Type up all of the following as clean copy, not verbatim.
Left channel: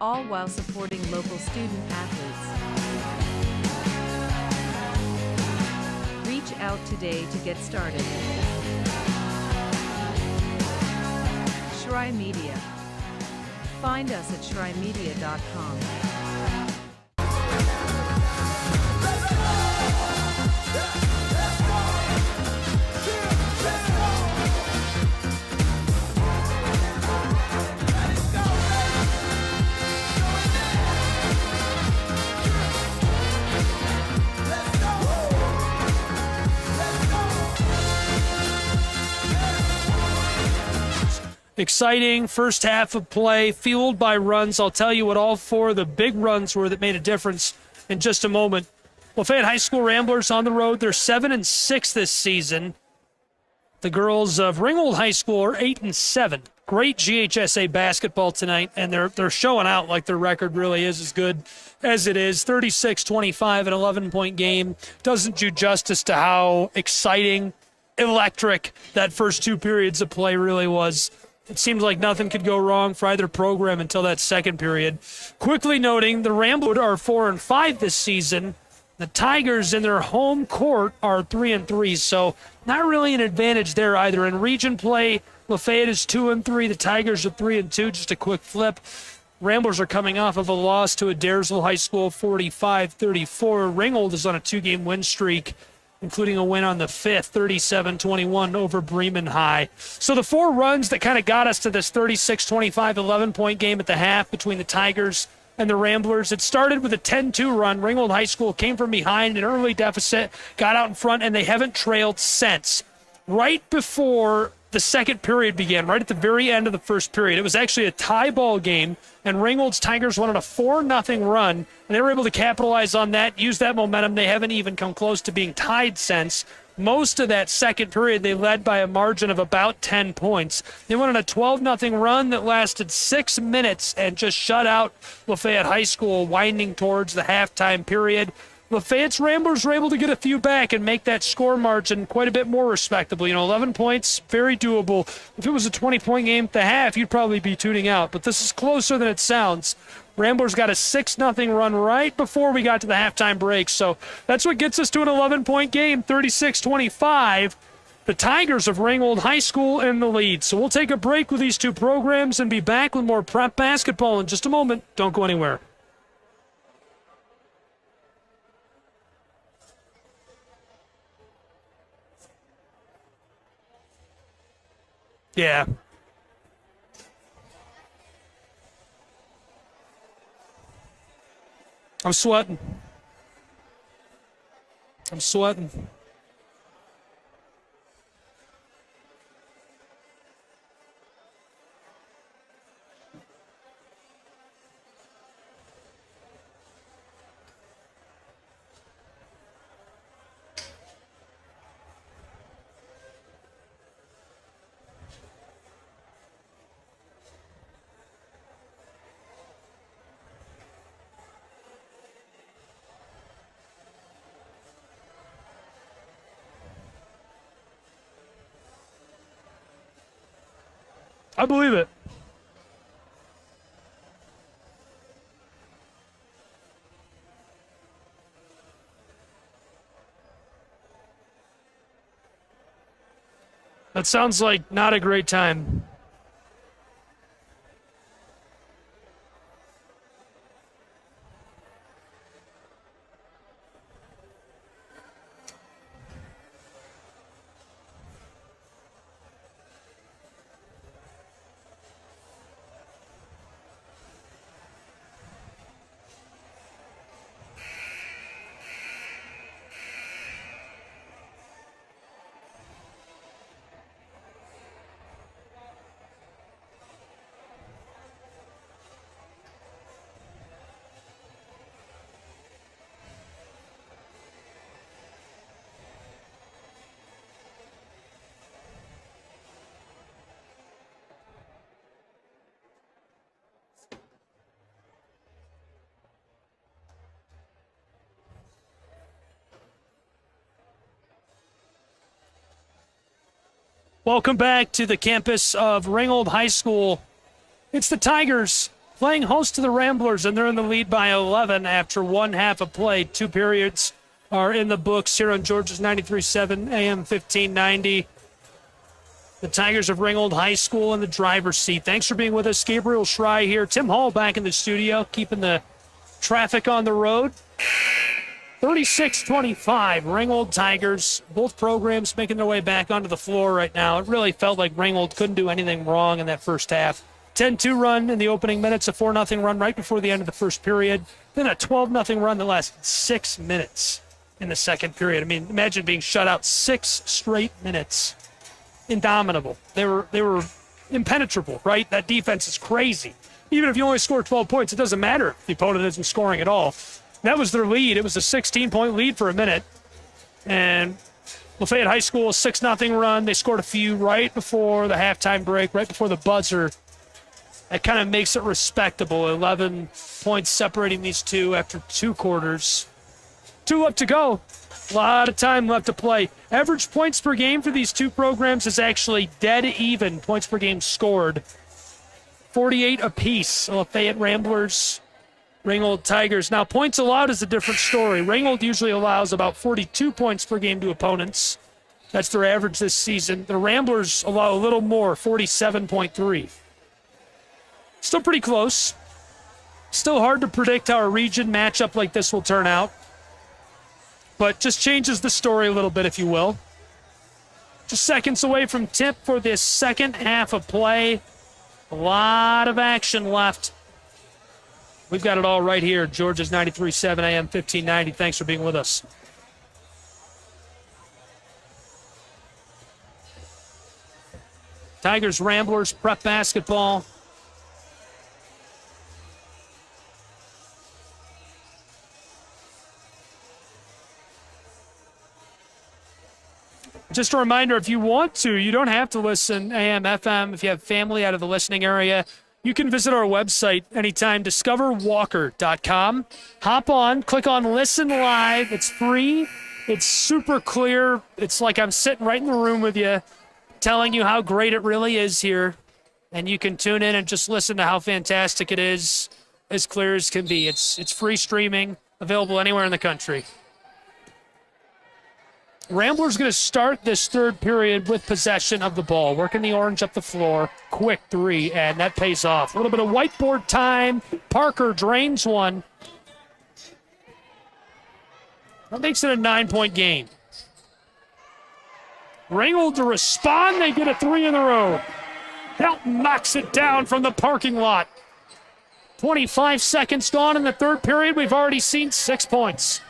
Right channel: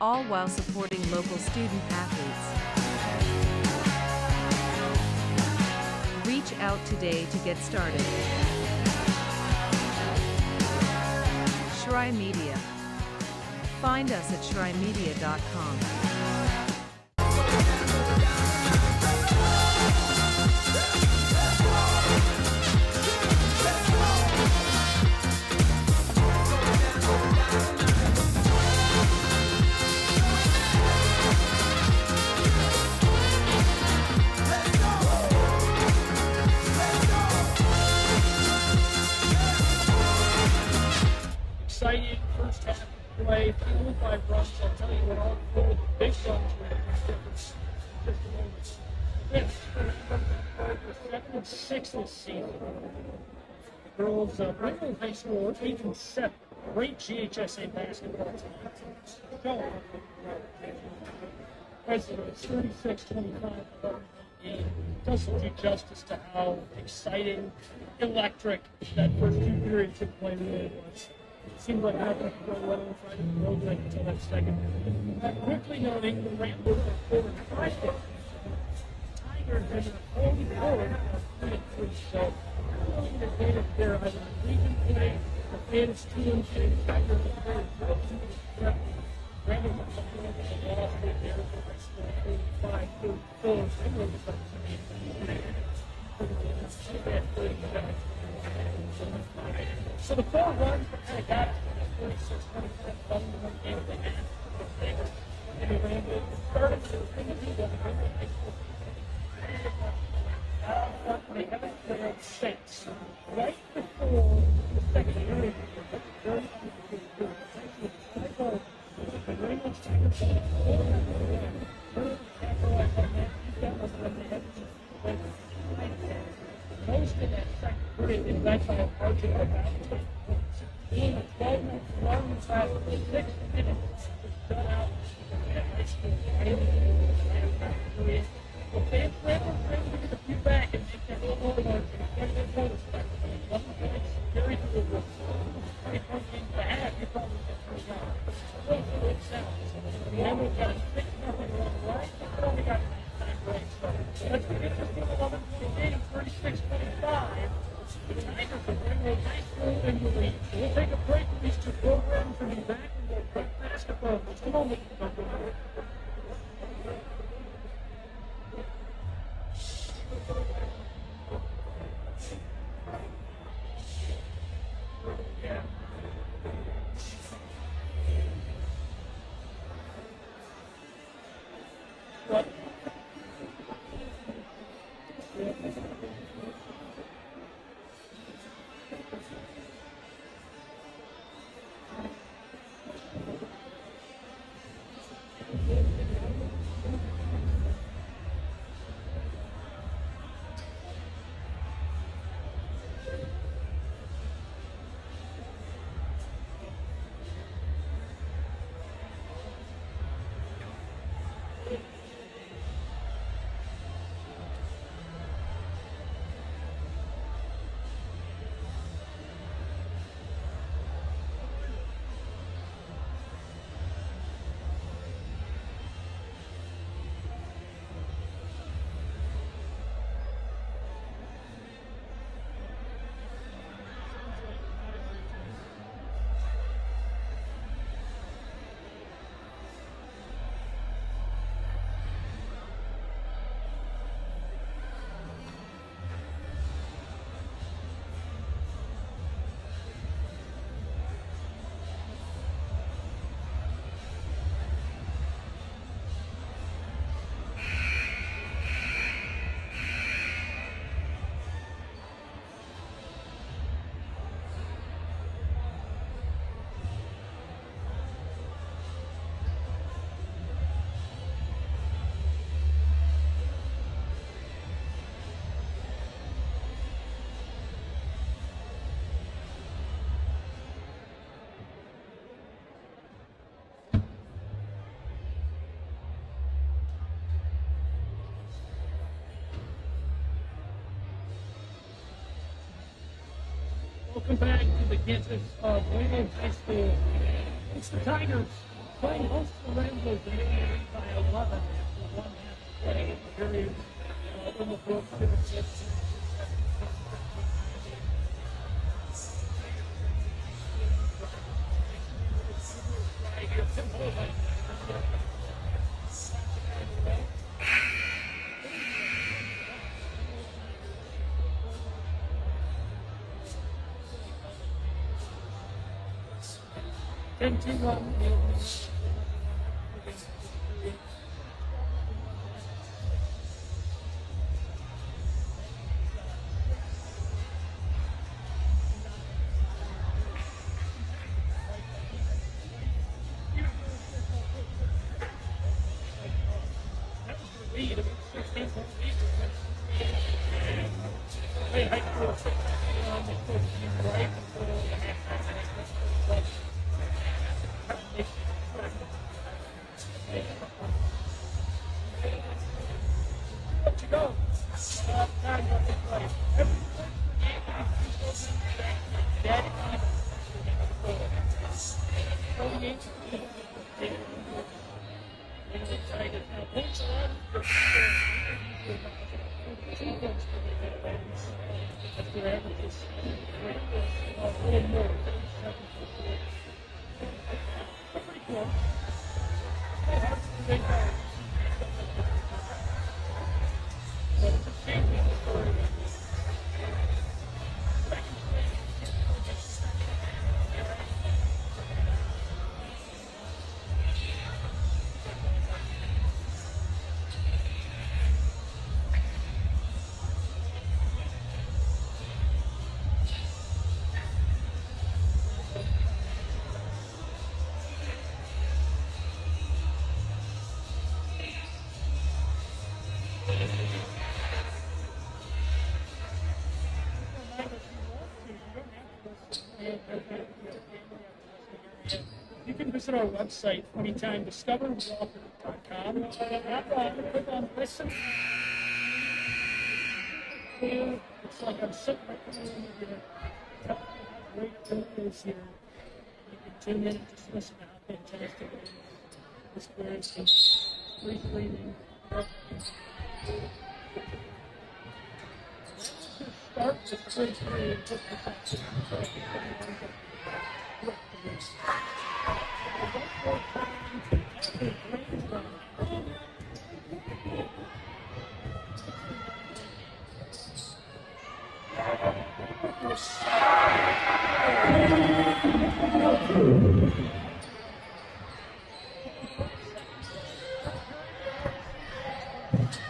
all while supporting local student athletes. Reach out today to get started. Shry Media. Find us at shrymedia.com. Exciting first half of play, fueled by runs. I'll tell you what all four of the big runs were that made a difference in just a moment. Lafayette High School Ramblers on the road. They're 7-6 this season. The girls of Ringgold High School are 8-7. Great GHSA basketball tonight, and they're showing out like their record really is as good as it is. 36-25, an 11-point game. Doesn't do justice to how exciting, electric that first two periods of play really was. It seemed like nothing could go wrong for either program until that second period. Quickly noting, the Ramblers are 4-5 this season. The Tigers in their home court are 3-3, so not really an advantage there either. In region play, Lafayette is 2-3, the Tigers are 3-2, just a quick flip. Ramblers are coming off of a loss to Adairsville High School, 45-34. Ringgold is on a two-game win streak, including a win on the 5th, 37-21 over Bremen High. So the four runs that kind of got us to this 36-25, 11-point game at the half between the Tigers and the Ramblers. It started with a 10-2 run. Ringgold High School came from behind, an early deficit, got out in front, and they haven't trailed since. Right before the second period began, right at the very end of the first period, it was actually a tie ball game, and Ringgold's Tigers went on a 4-0 run, and they were able to capitalize on that, use that momentum. They haven't even come close to being tied since. Most of that second period, they led by a margin of about 10 points. They went on a 12-0 run that lasted 6 minutes and just shut out Lafayette High School, winding towards the halftime period. Lafayette's Ramblers were able to get a few back and make that score margin quite a bit more respectable. 11 points, very doable. If it was a 20-point game at the half, you'd probably be tuning out. But this is closer than it sounds. Ramblers got a 6-0 run right before we got to the halftime break. So that's what gets us to an 11-point game, 36-25. The Tigers of Ringgold High School in the lead. So we'll take a break with these two programs and be back with more prep basketball in just a moment. Don't go anywhere. Yeah. I'm sweating. I believe it. That sounds like not a great time. Welcome back to the campus of Ringgold High School. It's the Tigers playing host to the Ramblers, and they're in the lead by 11 after one half of play. 2 periods are in the books here on Georgia's 93.7 AM 1590. The Tigers of Ringgold High School in the driver's seat. Thanks for being with us. Gabriel Schrei here. Tim Hall back in the studio, keeping the traffic on the road. 36-25, Ringgold Tigers. Both programs making their way back onto the floor right now. It really felt like Ringgold couldn't do anything wrong in that first half. 10-2 run in the opening minutes, a 4-0 run right before the end of the first period, then a 12-0 run the last 6 minutes in the second period. I mean, imagine being shut out 6 straight minutes. Indomitable. They were impenetrable, right? That defense is crazy. Even if you only score 12 points, it doesn't matter if the opponent isn't scoring at all. That was their lead. It was a 16-point lead for a minute. And Lafayette High School, a 6-0 run. They scored a few right before the halftime break, right before the buzzer. That kind of makes it respectable. 11 points separating these two after 2 quarters. 2 left to go. A lot of time left to play. Average points per game for these two programs is actually dead even. Points per game scored. 48 apiece. Lafayette Ramblers, Ringgold Tigers. Now, points allowed is a different story. Ringgold usually allows about 42 points per game to opponents. That's their average this season. The Ramblers allow a little more, 47.3. Still pretty close. Still hard to predict how a region matchup like this will turn out. But just changes the story a little bit, if you will. Just seconds away from tip for this second half of play. A lot of action left. We've got it all right here. Georgia's 93.7 AM 1590. Thanks for being with us. Tigers, Ramblers, prep basketball. Just a reminder, if you want to, you don't have to listen AM, FM. If you have family out of the listening area, you can visit our website anytime, discoverwalker.com. Hop on, click on Listen Live. It's free. It's super clear. It's like I'm sitting right in the room with you, telling you how great it really is here. And you can tune in and just listen to how fantastic it is, as clear as can be. It's free streaming, available anywhere in the country. Ramblers going to start this third period with possession of the ball, working the orange up the floor. Quick 3, and that pays off. A little bit of whiteboard time. Parker drains one. That makes it a 9-point game. Ringgold to respond. They get a 3 in a row. Helton knocks it down from the parking lot. 25 seconds gone in the third period. We've already seen 6 points.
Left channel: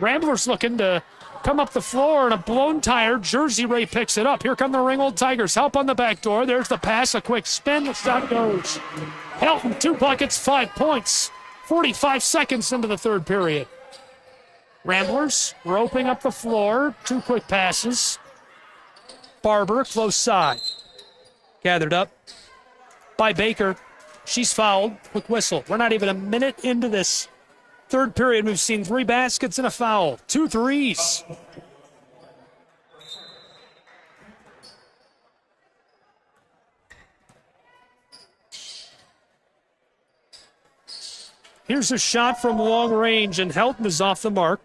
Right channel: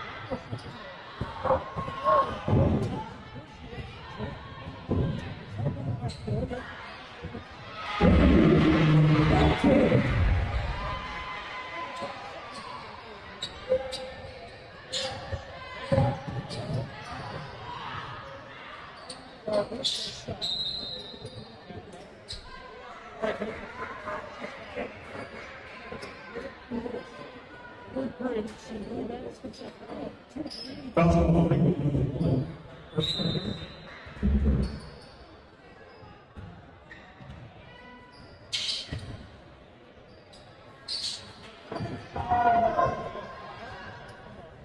Ramblers looking to come up the floor, and a blown tire. Jersey Ray picks it up. Here come the Ringgold Tigers. Help on the back door. There's the pass. A quick spin. The shot goes. Helton, 2 buckets, 5 points. 45 seconds into the third period. Ramblers roping up the floor. 2 quick passes. Barber, close side. Gathered up by Baker. She's fouled. Quick whistle. We're not even a minute into this third period. We've seen 3 baskets and a foul. 2 threes. Here's a shot from long range, and Helton is off the mark.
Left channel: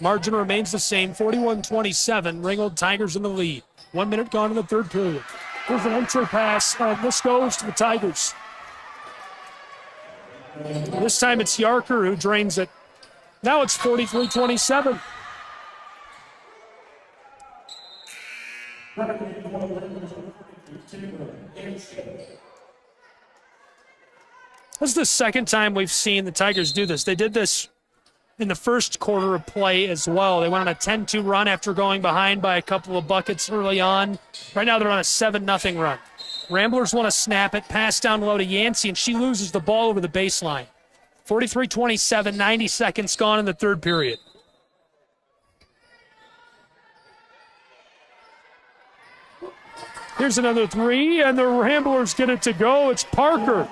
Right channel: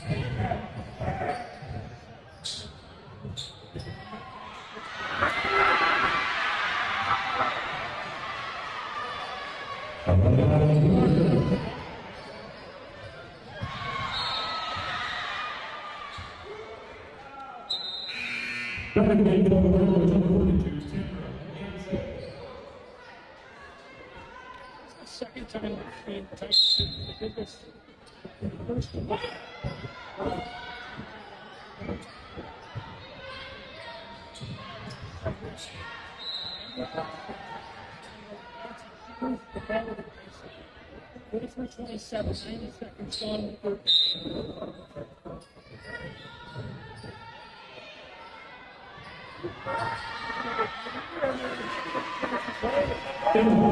Margin remains the same, 41-27. Ringgold Tigers in the lead. 1 minute gone in the third period. Here's an entry pass. This goes to the Tigers. This time it's Yarker who drains it. Now it's 43-27. This is the second time we've seen the Tigers do this. They did this in the first quarter of play as well. They went on a 10-2 run after going behind by a couple of buckets early on. Right now they're on a 7-0 run. Ramblers want to snap it, pass down low to Yancey, and she loses the ball over the baseline. 43-27, 90 seconds gone in the third period. Here's another 3, and the Ramblers get it to go. It's Parker.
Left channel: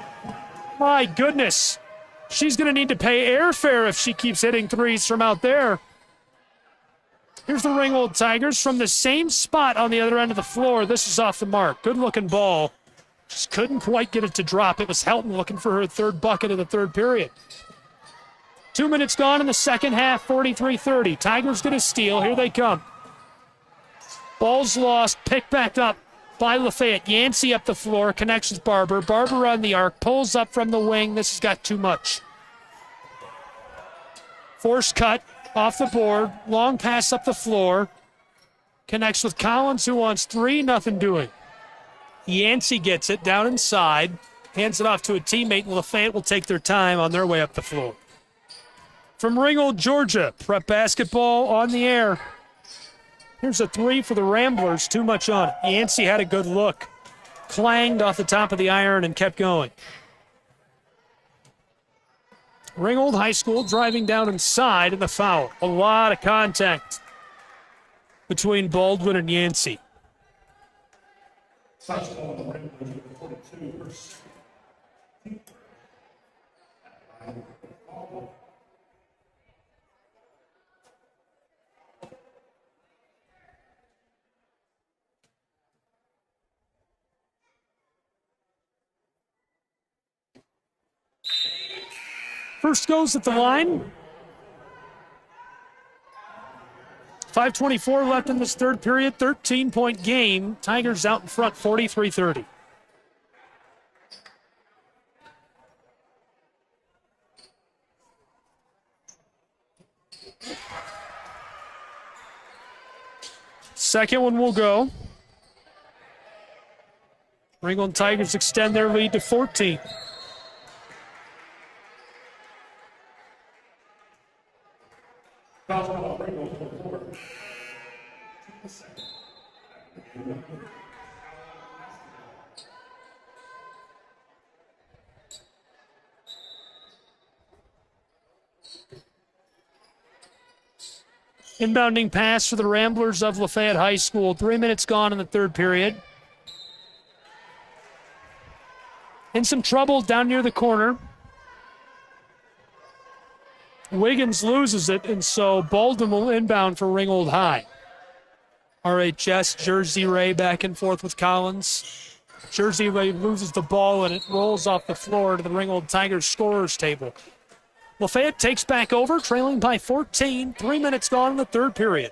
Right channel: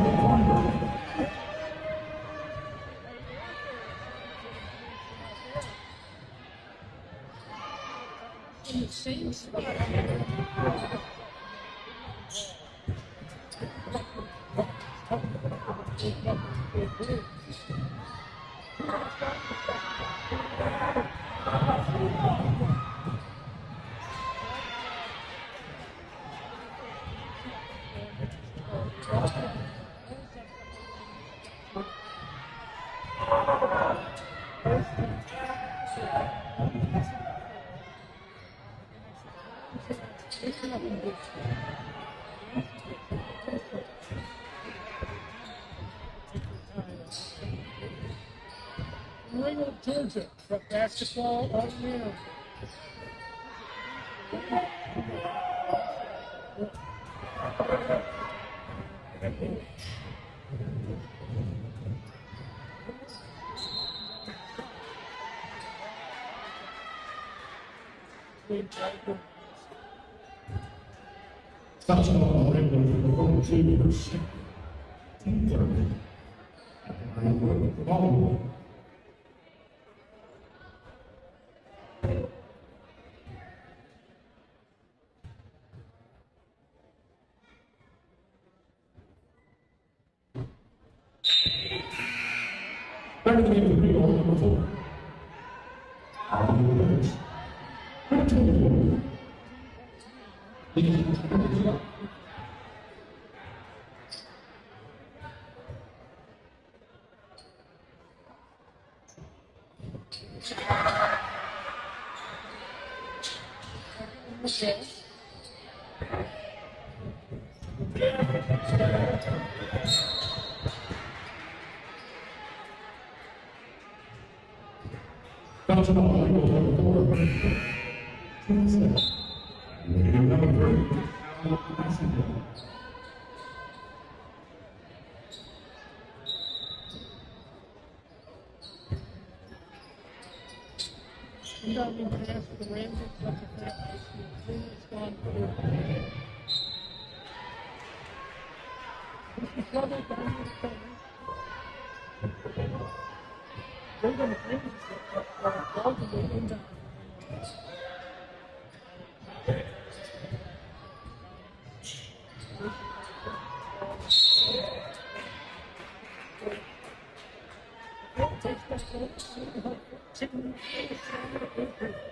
My goodness. She's going to need to pay airfare if she keeps hitting 3s from out there. Here's the Ringgold Tigers from the same spot on the other end of the floor. This is off the mark. Good-looking ball. Just couldn't quite get it to drop. It was Helton looking for her third bucket of the third period. 2 minutes gone in the second half, 43-30. Tigers get a steal. Here they come. Ball's lost, picked back up by Lafayette. Yancey up the floor, connects with Barber. Barber on the arc, pulls up from the wing. This has got too much. Force cut off the board. Long pass up the floor. Connects with Collins, who wants three. Nothing doing. Yancey gets it down inside. Hands it off to a teammate, and Lafayette will take their time on their way up the floor. From Ringgold, Georgia, prep basketball on the air. Here's a three for the Ramblers. Too much on it. Yancey had a good look. Clanged off the top of the iron and kept going. Ringgold High School driving down inside in the foul. A lot of contact between Baldwin and Yancey. First goes at the line. 5:24 left in this third period. 13-point game. Tigers out in front, 43-30. Second one will go. Ringgold Tigers extend their lead to 14. Inbounding pass for the Ramblers of Lafayette High School. 3 minutes gone in the third period. In some trouble down near the corner. Wiggins loses it, and so Baldwin will inbound for Ringgold High. RHS, Jersey Ray back and forth with Collins. Jersey Ray loses the ball, and it rolls off the floor to the Ringgold Tigers scorers table. Lafayette takes back over, trailing by 14. 3 minutes gone in the third period.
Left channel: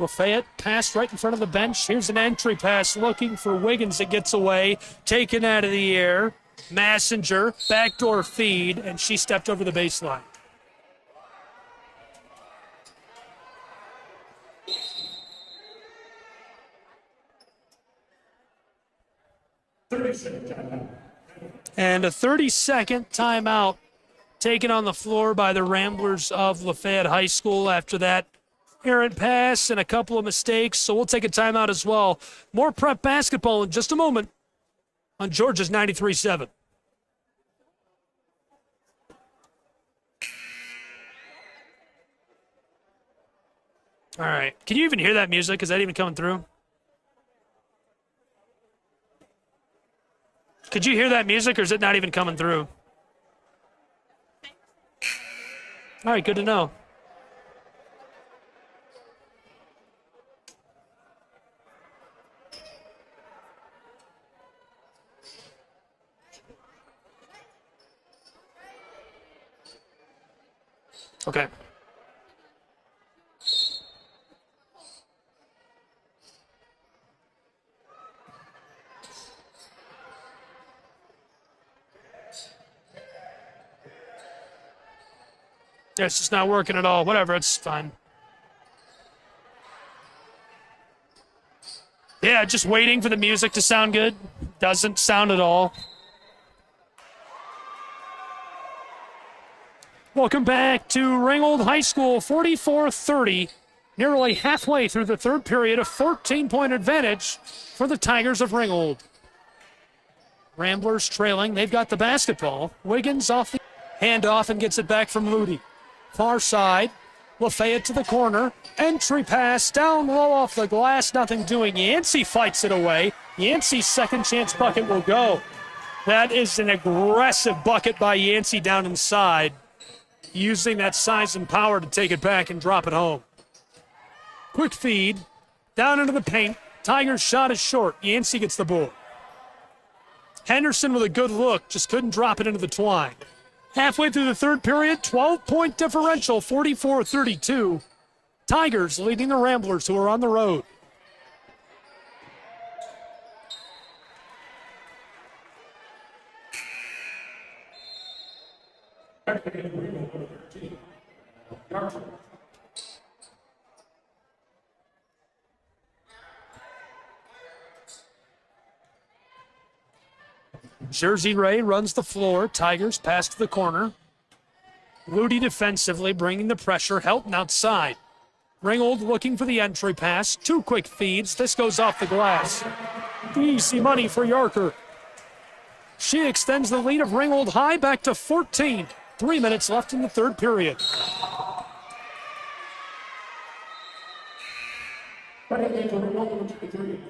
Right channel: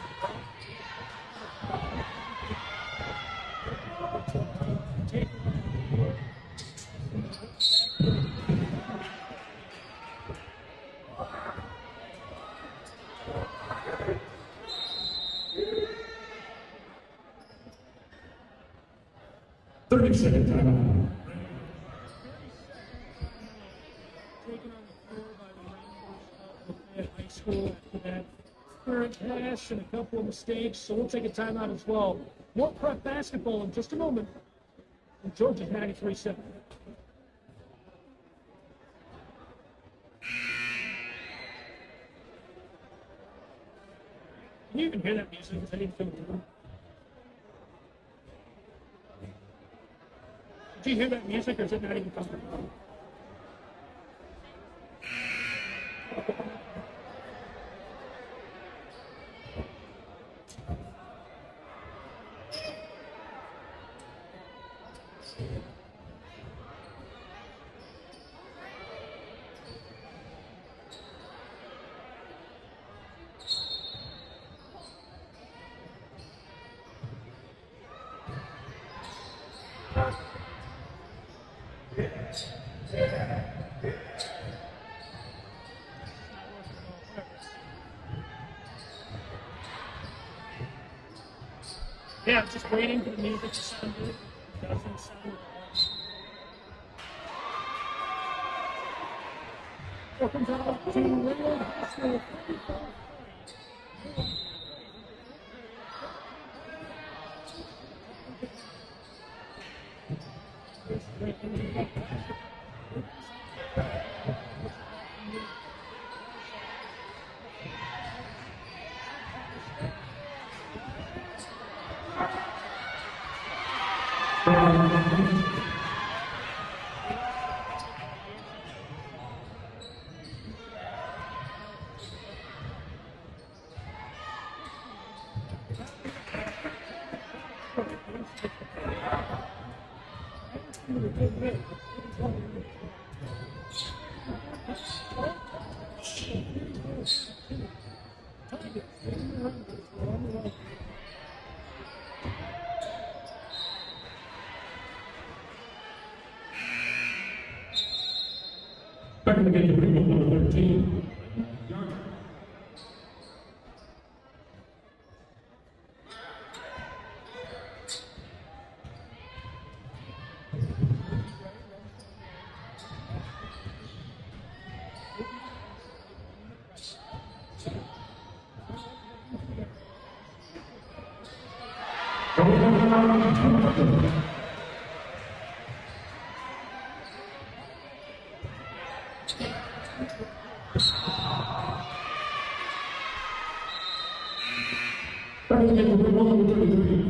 Lafayette passed right in front of the bench. Here's an entry pass looking for Wiggins. It gets away, taken out of the air. Messenger, backdoor feed, and she stepped over the baseline. And a 30-second timeout taken on the floor by the Ramblers of Lafayette High School after that errant pass and a couple of mistakes, so we'll take a timeout as well. More prep basketball in just a moment on Georgia's 93.7. All right, can you even hear that music? Is that even coming through? Could you hear that music, or is it not even coming through? All right, good to know. Okay. Yeah, it's just not working at all. Whatever, it's fine. Yeah, just waiting for the music to sound good. Doesn't sound at all. Welcome back to Ringgold High School, 44-30. Nearly halfway through the third period, a 14-point advantage for the Tigers of Ringgold. Ramblers trailing. They've got the basketball. Wiggins off the handoff and gets it back from Ludy. Far side. Lafayette to the corner. Entry pass down low off the glass. Nothing doing. Yancey fights it away. Yancey's second chance bucket will go. That is an aggressive bucket by Yancey down inside, using that size and power to take it back and drop it home. Quick feed, down into the paint. Tigers' shot is short. Yancey gets the ball. Henderson with a good look, just couldn't drop it into the twine. Halfway through the third period, 12-point differential, 44-32. Tigers leading the Ramblers, who are on the road. Back in the game, Ringgold, number 13. Jersey Ray runs the floor. Tigers pass to the corner. Ludy defensively, bringing the pressure. Helton outside. Ringgold looking for the entry pass. 2 quick feeds. This goes off the glass. Easy money for Yarker. She extends the lead of Ringgold high back to 14. 3 minutes left in the third period. Back in the game, Ringgold, number 33.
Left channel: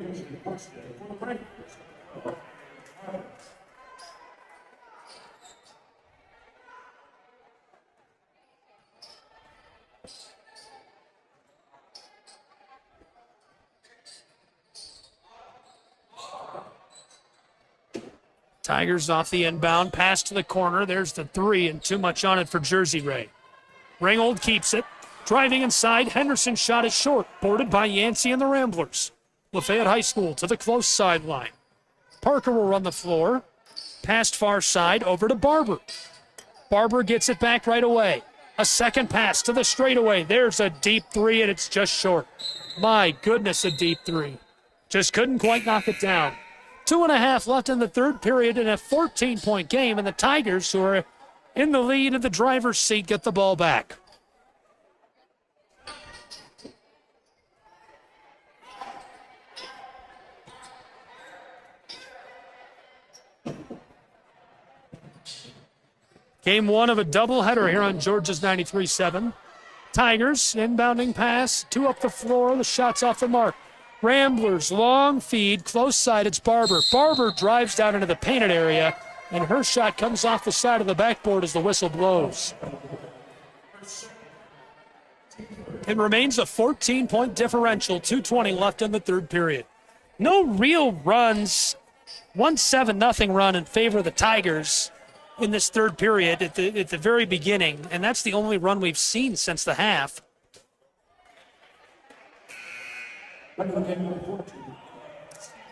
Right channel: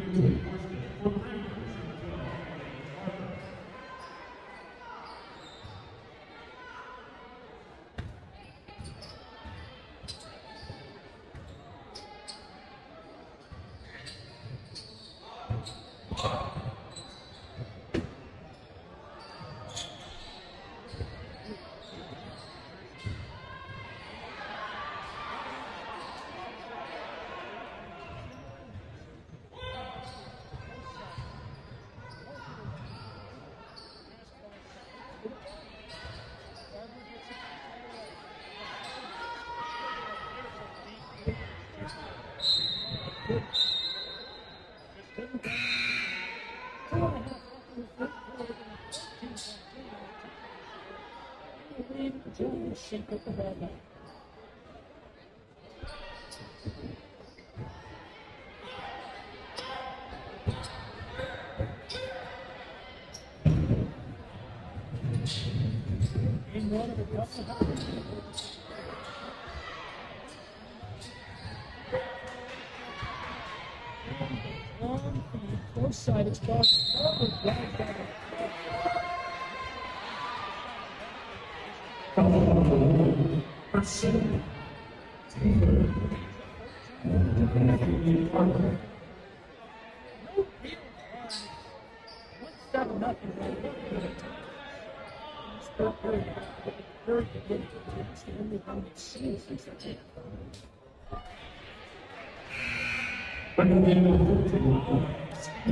Tigers off the inbound, pass to the corner. There's the 3 and too much on it for Jersey Ray. Ringgold keeps it. Driving inside, Henderson's shot is short, boarded by Yancey and the Ramblers. Lafayette High School to the close sideline. Parker will run the floor. Past far side over to Barber. Barber gets it back right away. A second pass to the straightaway. There's a deep 3 and it's just short. My goodness, a deep 3. Just couldn't quite knock it down. 2.5 left in the third period in a 14-point game, and the Tigers, who are in the lead in the driver's seat, get the ball back. Game 1 of a doubleheader here on Georgia's 93-7. Tigers, inbounding pass, 2 up the floor, the shot's off the mark. Ramblers, long feed, close side, it's Barber. Barber drives down into the painted area, and her shot comes off the side of the backboard as the whistle blows. It remains a 14-point differential, 2:20 left in the third period. No real runs, 1-7-0 run in favor of the Tigers in this third period at the very beginning, and that's the only run we've seen since the half.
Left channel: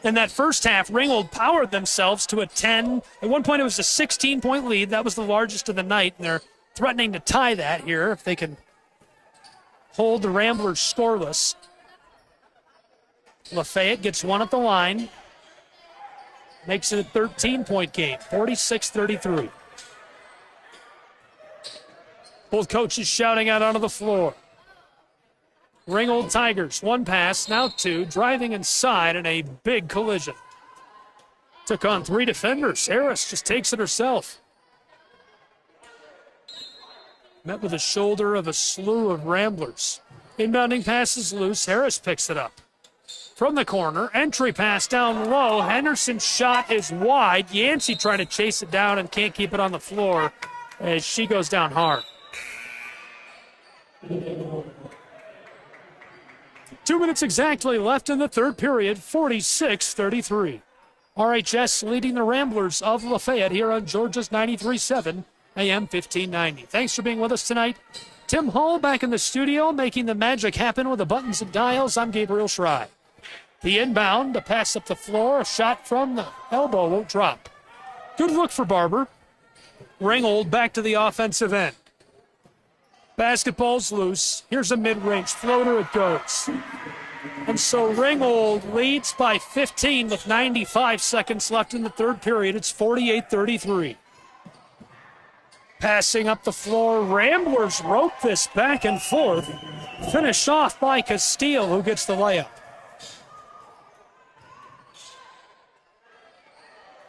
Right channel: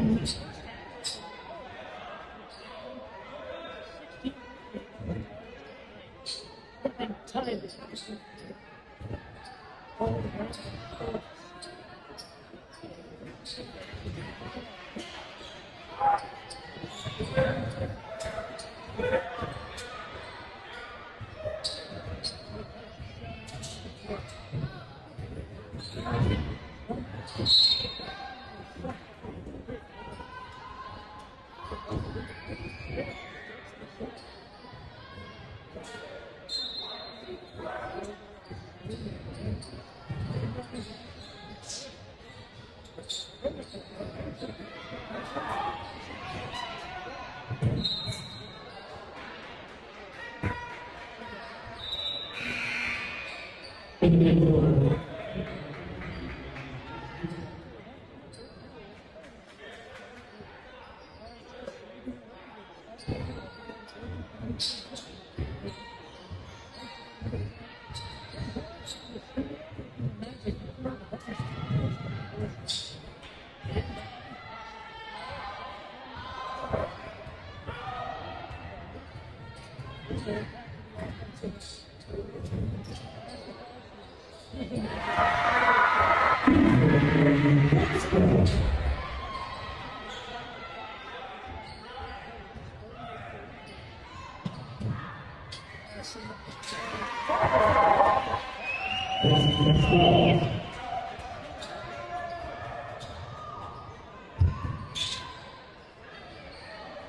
In that first half, Ringgold powered themselves to a 10. At one point, it was a 16-point lead. That was the largest of the night, and they're threatening to tie that here if they can hold the Ramblers scoreless. Lafayette gets 1 at the line. Makes it a 13-point game, 46-33. Both coaches shouting out onto the floor. Ringgold Tigers, 1 pass, now 2, driving inside in a big collision. Took on 3 defenders. Harris just takes it herself. Met with the shoulder of a slew of Ramblers. Inbounding pass is loose. Harris picks it up. From the corner, entry pass down low. Henderson's shot is wide. Yancey trying to chase it down and can't keep it on the floor as she goes down hard. 2 minutes exactly left in the third period, 46-33. RHS leading the Ramblers of Lafayette here on Georgia's 93.7 AM 1590. Thanks for being with us tonight. Tim Hull back in the studio making the magic happen with the buttons and dials. I'm Gabriel Schrei. The inbound, the pass up the floor, a shot from the elbow won't drop. Good look for Barber. Ringgold back to the offensive end. Basketball's loose. Here's a mid-range floater, it goes. And so Ringgold leads by 15 with 95 seconds left in the third period. It's 48-33. Passing up the floor, Ramblers rope this back and forth. Finished off by Castile, who gets the layup.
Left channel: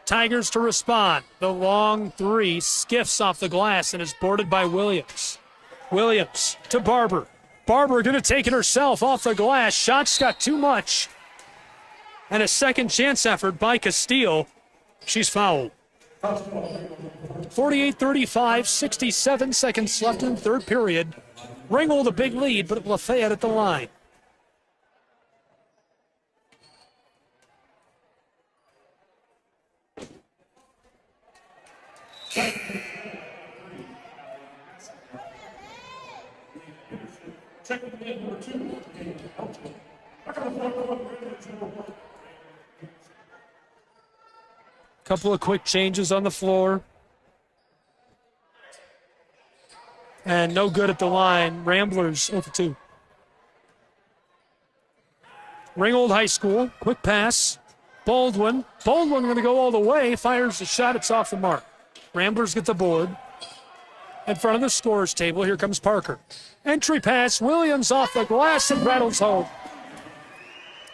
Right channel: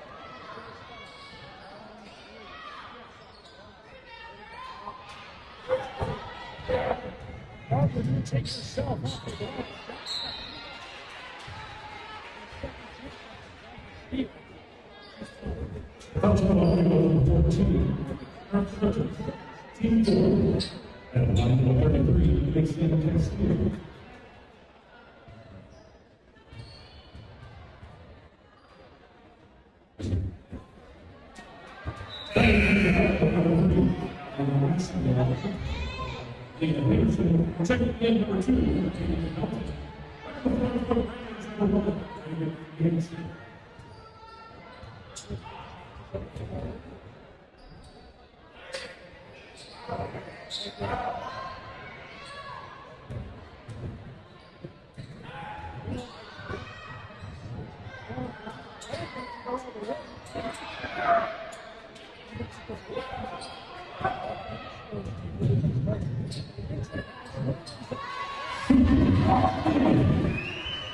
Tigers to respond. The long 3 skiffs off the glass and is boarded by Williams. Williams to Barber. Barber going to take it herself off the glass. Shots got too much. And a second chance effort by Castile. She's fouled. 48-35, 67 seconds left in the third period. Ringgold a big lead, but Lafayette at the line. Couple of quick changes on the floor. And no good at the line. Ramblers 0-2. Ringgold High School, quick pass. Baldwin going to go all the way, fires the shot, it's off the mark. Ramblers get the board. In front of the scorer's table, here comes Parker. Entry pass, Williams off the glass and rattles home.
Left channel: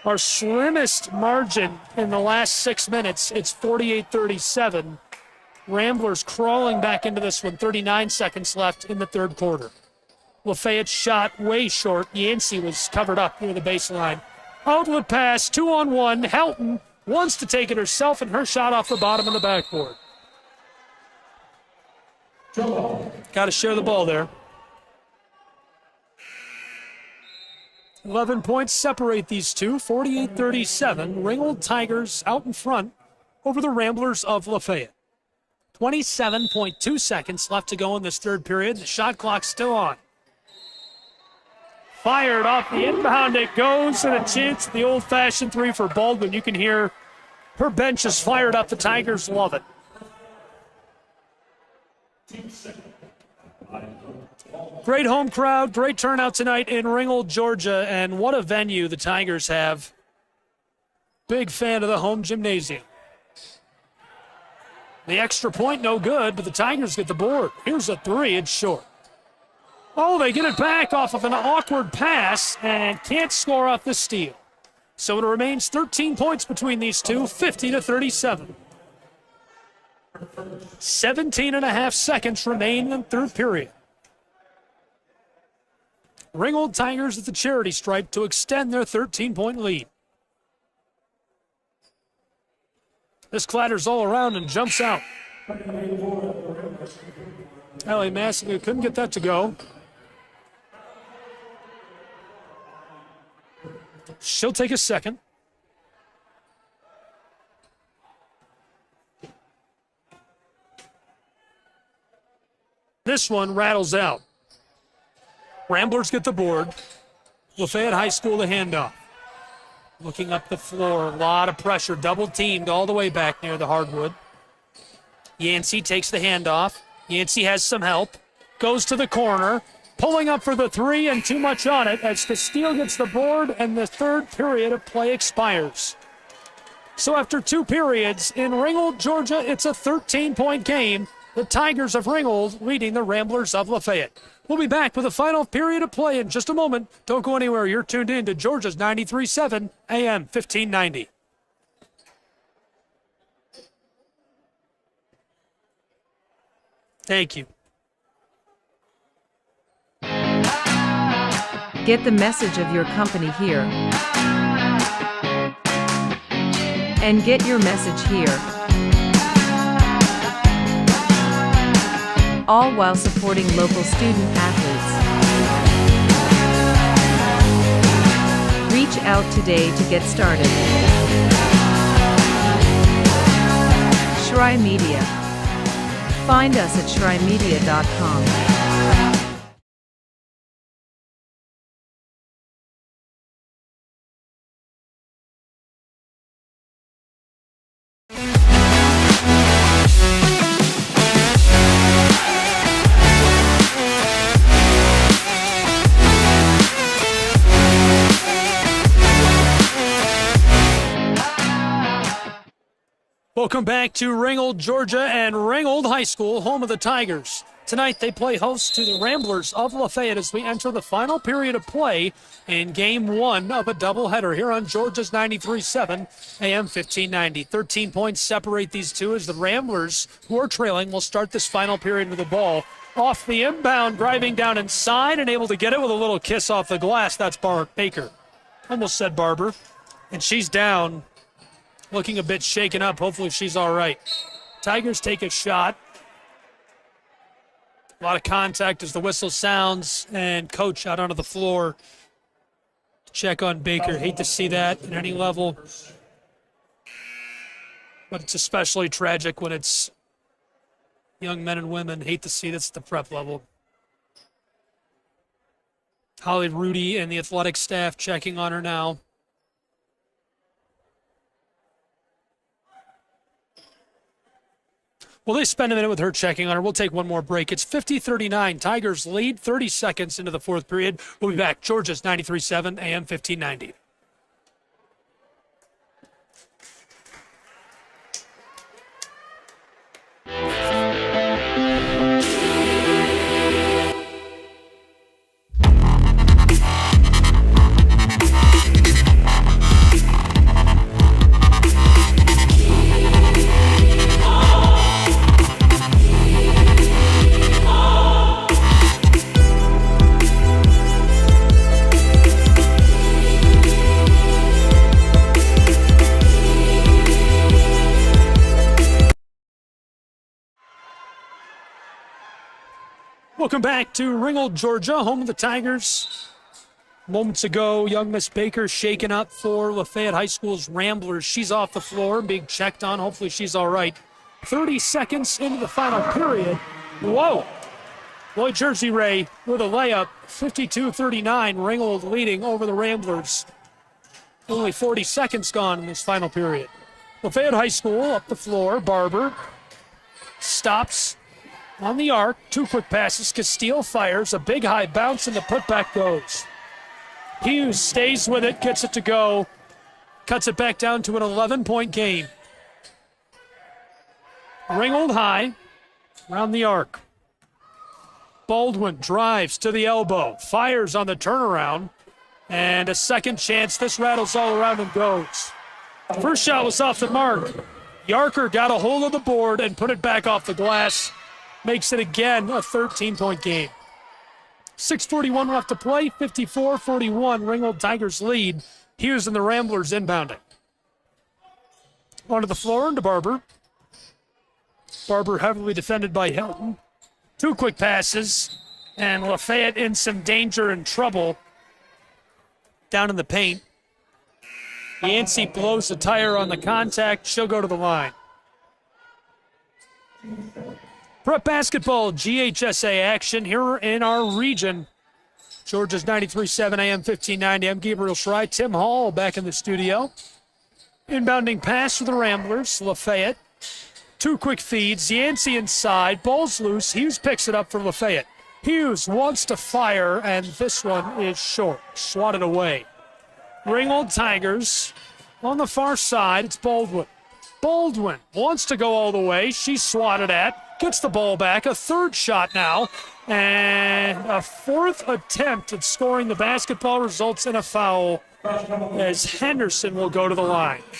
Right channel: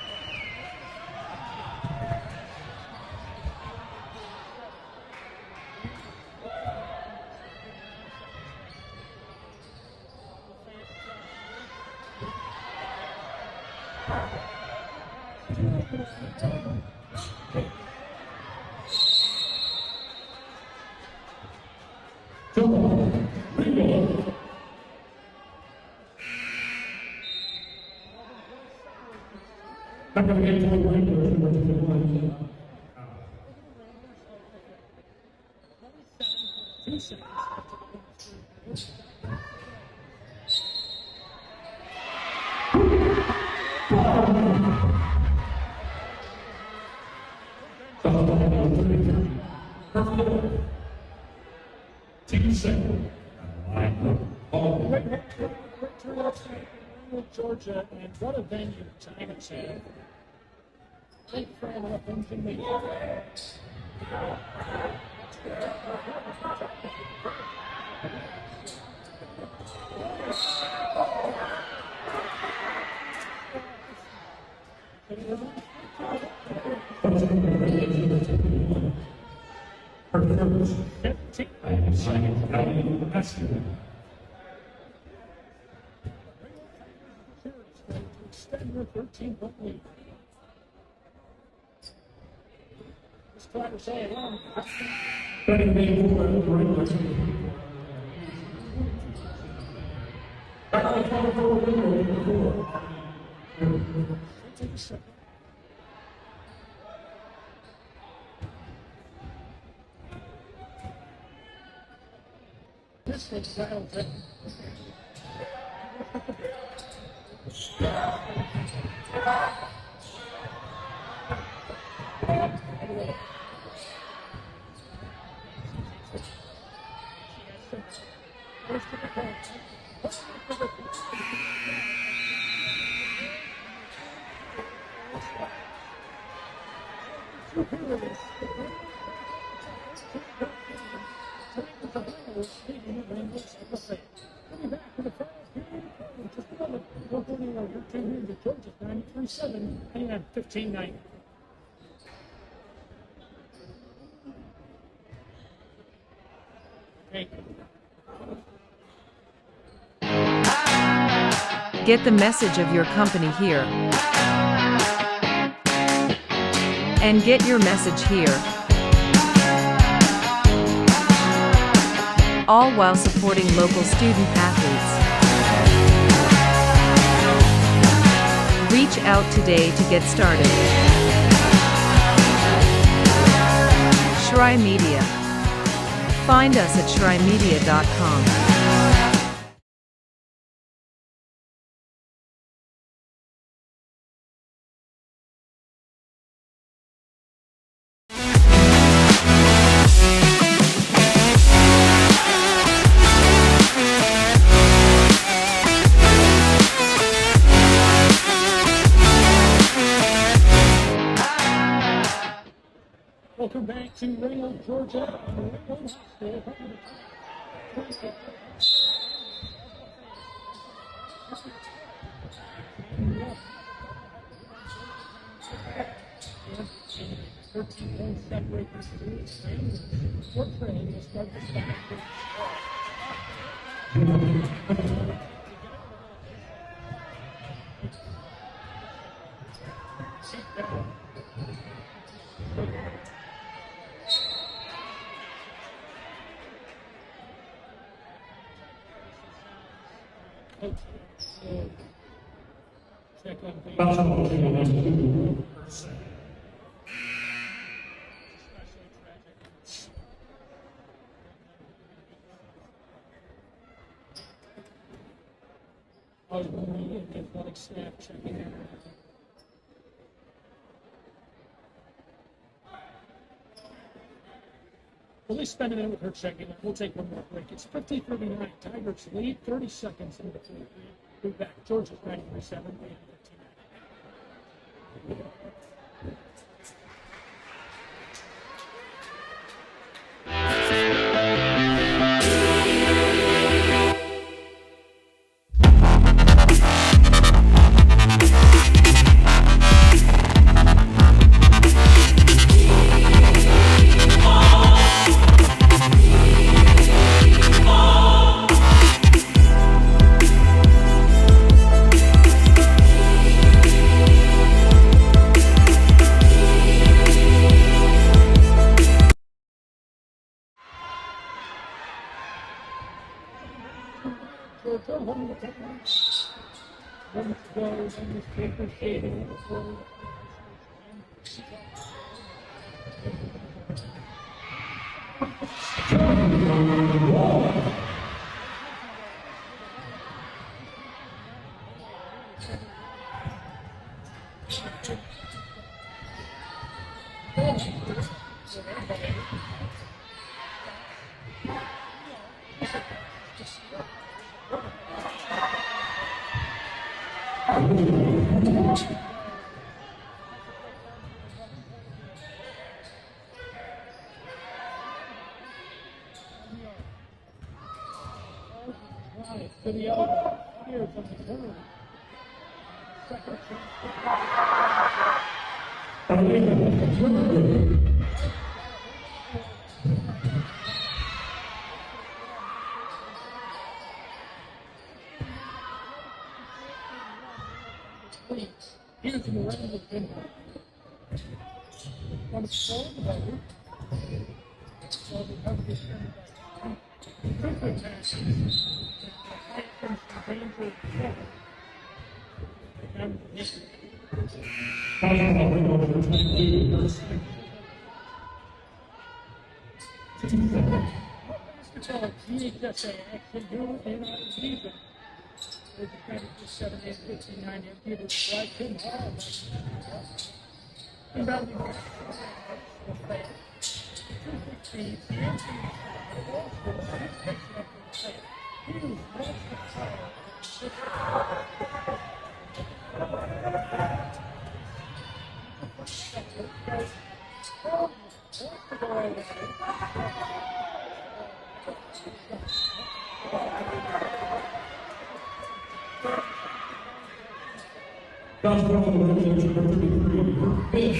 Our slimmest margin in the last 6 minutes, it's 48-37. Ramblers crawling back into this one, 39 seconds left in the third quarter. Lafayette shot way short. Yancey was covered up near the baseline. Outlet pass, 2-on-1. Houghton wants to take it herself, and her shot off the bottom of the backboard. Got to share the ball there. 11 points separate these two, 48-37. Ringgold Tigers out in front over the Ramblers of Lafayette. 27.2 seconds left to go in this third period. The shot clock's still on. Fired off the inbound, it goes, and a chance at the old-fashioned three for Baldwin. You can hear her bench is fired up. The Tigers love it. Great home crowd, great turnout tonight in Ringgold, Georgia, and what a venue the Tigers have. Big fan of the home gymnasium. The extra point, no good, but the Tigers get the board. Here's a three, it's short. Oh, they get it back off of an awkward pass and can't score off the steal. So it remains 13 points between these two, 50-37. 17.5 seconds remain in the third period. Ringgold Tigers at the charity stripe to extend their 13-point lead. This clatters all around and jumps out. Ellie Massey couldn't get that to go. She'll take a second. This one rattles out. Ramblers get the board. Lafayette High School the handoff. Looking up the floor, a lot of pressure, double teamed all the way back near the hardwood. Yancey takes the handoff. Yancey has some help, goes to the corner, pulling up for the three and too much on it as Castile gets the board and the third period of play expires. So after 2 periods in Ringgold, Georgia, it's a 13-point game. The Tigers of Ringgold leading the Ramblers of Lafayette. We'll be back with the final period of play in just a moment. Don't go anywhere. You're tuned in to Georgia's 93.7 AM 1590. Thank you. Get the message of your company here. And get your message here. All while supporting local student athletes. Reach out today to get started. Shry Media. Find us at shrymedia.com. Welcome back to Ringgold, Georgia, and Ringgold High School, home of the Tigers. Tonight they play host to the Ramblers of Lafayette as we enter the final period of play in Game 1 of a doubleheader here on Georgia's 93.7 AM 1590. 13 points separate these two as the Ramblers, who are trailing, will start this final period with the ball. Off the inbound, driving down inside and able to get it with a little kiss off the glass. That's Baker. Almost said Barber. And she's down. Looking a bit shaken up. Hopefully she's all right. Tigers take a shot. A lot of contact as the whistle sounds, and coach out onto the floor. Check on Baker. Hate to see that at any level. But it's especially tragic when it's young men and women. Hate to see this at the prep level. Holly Rudy and the athletic staff checking on her now. Well, they spend a minute with her checking on her. We'll take one more break. It's 50-39. Tigers lead 30 seconds into the fourth period. We'll be back. Georgia's 93.7 AM 1590. Welcome back to Ringgold, Georgia, home of the Tigers. Moments ago, young Miss Baker shaken up for Lafayette High School's Ramblers. She's off the floor, being checked on. Hopefully she's all right. 30 seconds into the final period. Whoa! Lloyd Jersey Ray with a layup. 52-39, Ringgold leading over the Ramblers. Only 40 seconds gone in this final period. Lafayette High School up the floor. Barber stops on the arc, 2 quick passes. Castile fires, a big high bounce, and the putback goes. Hughes stays with it, gets it to go, cuts it back down to an 11-point game. Ringgold high, around the arc. Baldwin drives to the elbow, fires on the turnaround, and a second chance. This rattles all around and goes. The first shot was off the mark. Yarker got a hold of the board and put it back off the glass. Makes it again a 13-point game. 6:41 left to play, 54-41. Ringgold Tigers lead. Hughes and the Ramblers inbounding. Onto the floor into Barber. Barber heavily defended by Hilton. 2 quick passes, and Lafayette in some danger and trouble down in the paint. Yancey blows the tire on the contact. She'll go to the line. Prep basketball, GHSA action here in our region. Georgia's 93.7 AM 1590. I'm Gabriel Fry. Tim Hall back in the studio. Inbounding pass for the Ramblers. Lafayette. 2 quick feeds. Yancey inside. Ball's loose. Hughes picks it up for Lafayette. Hughes wants to fire, and this one is short. Swatted away. Ringgold Tigers on the far side. It's Baldwin. Baldwin wants to go all the way. She's swatted at. Gets the ball back. A third shot now. And a 4th attempt at scoring the basketball results in a foul as Henderson will go to the line.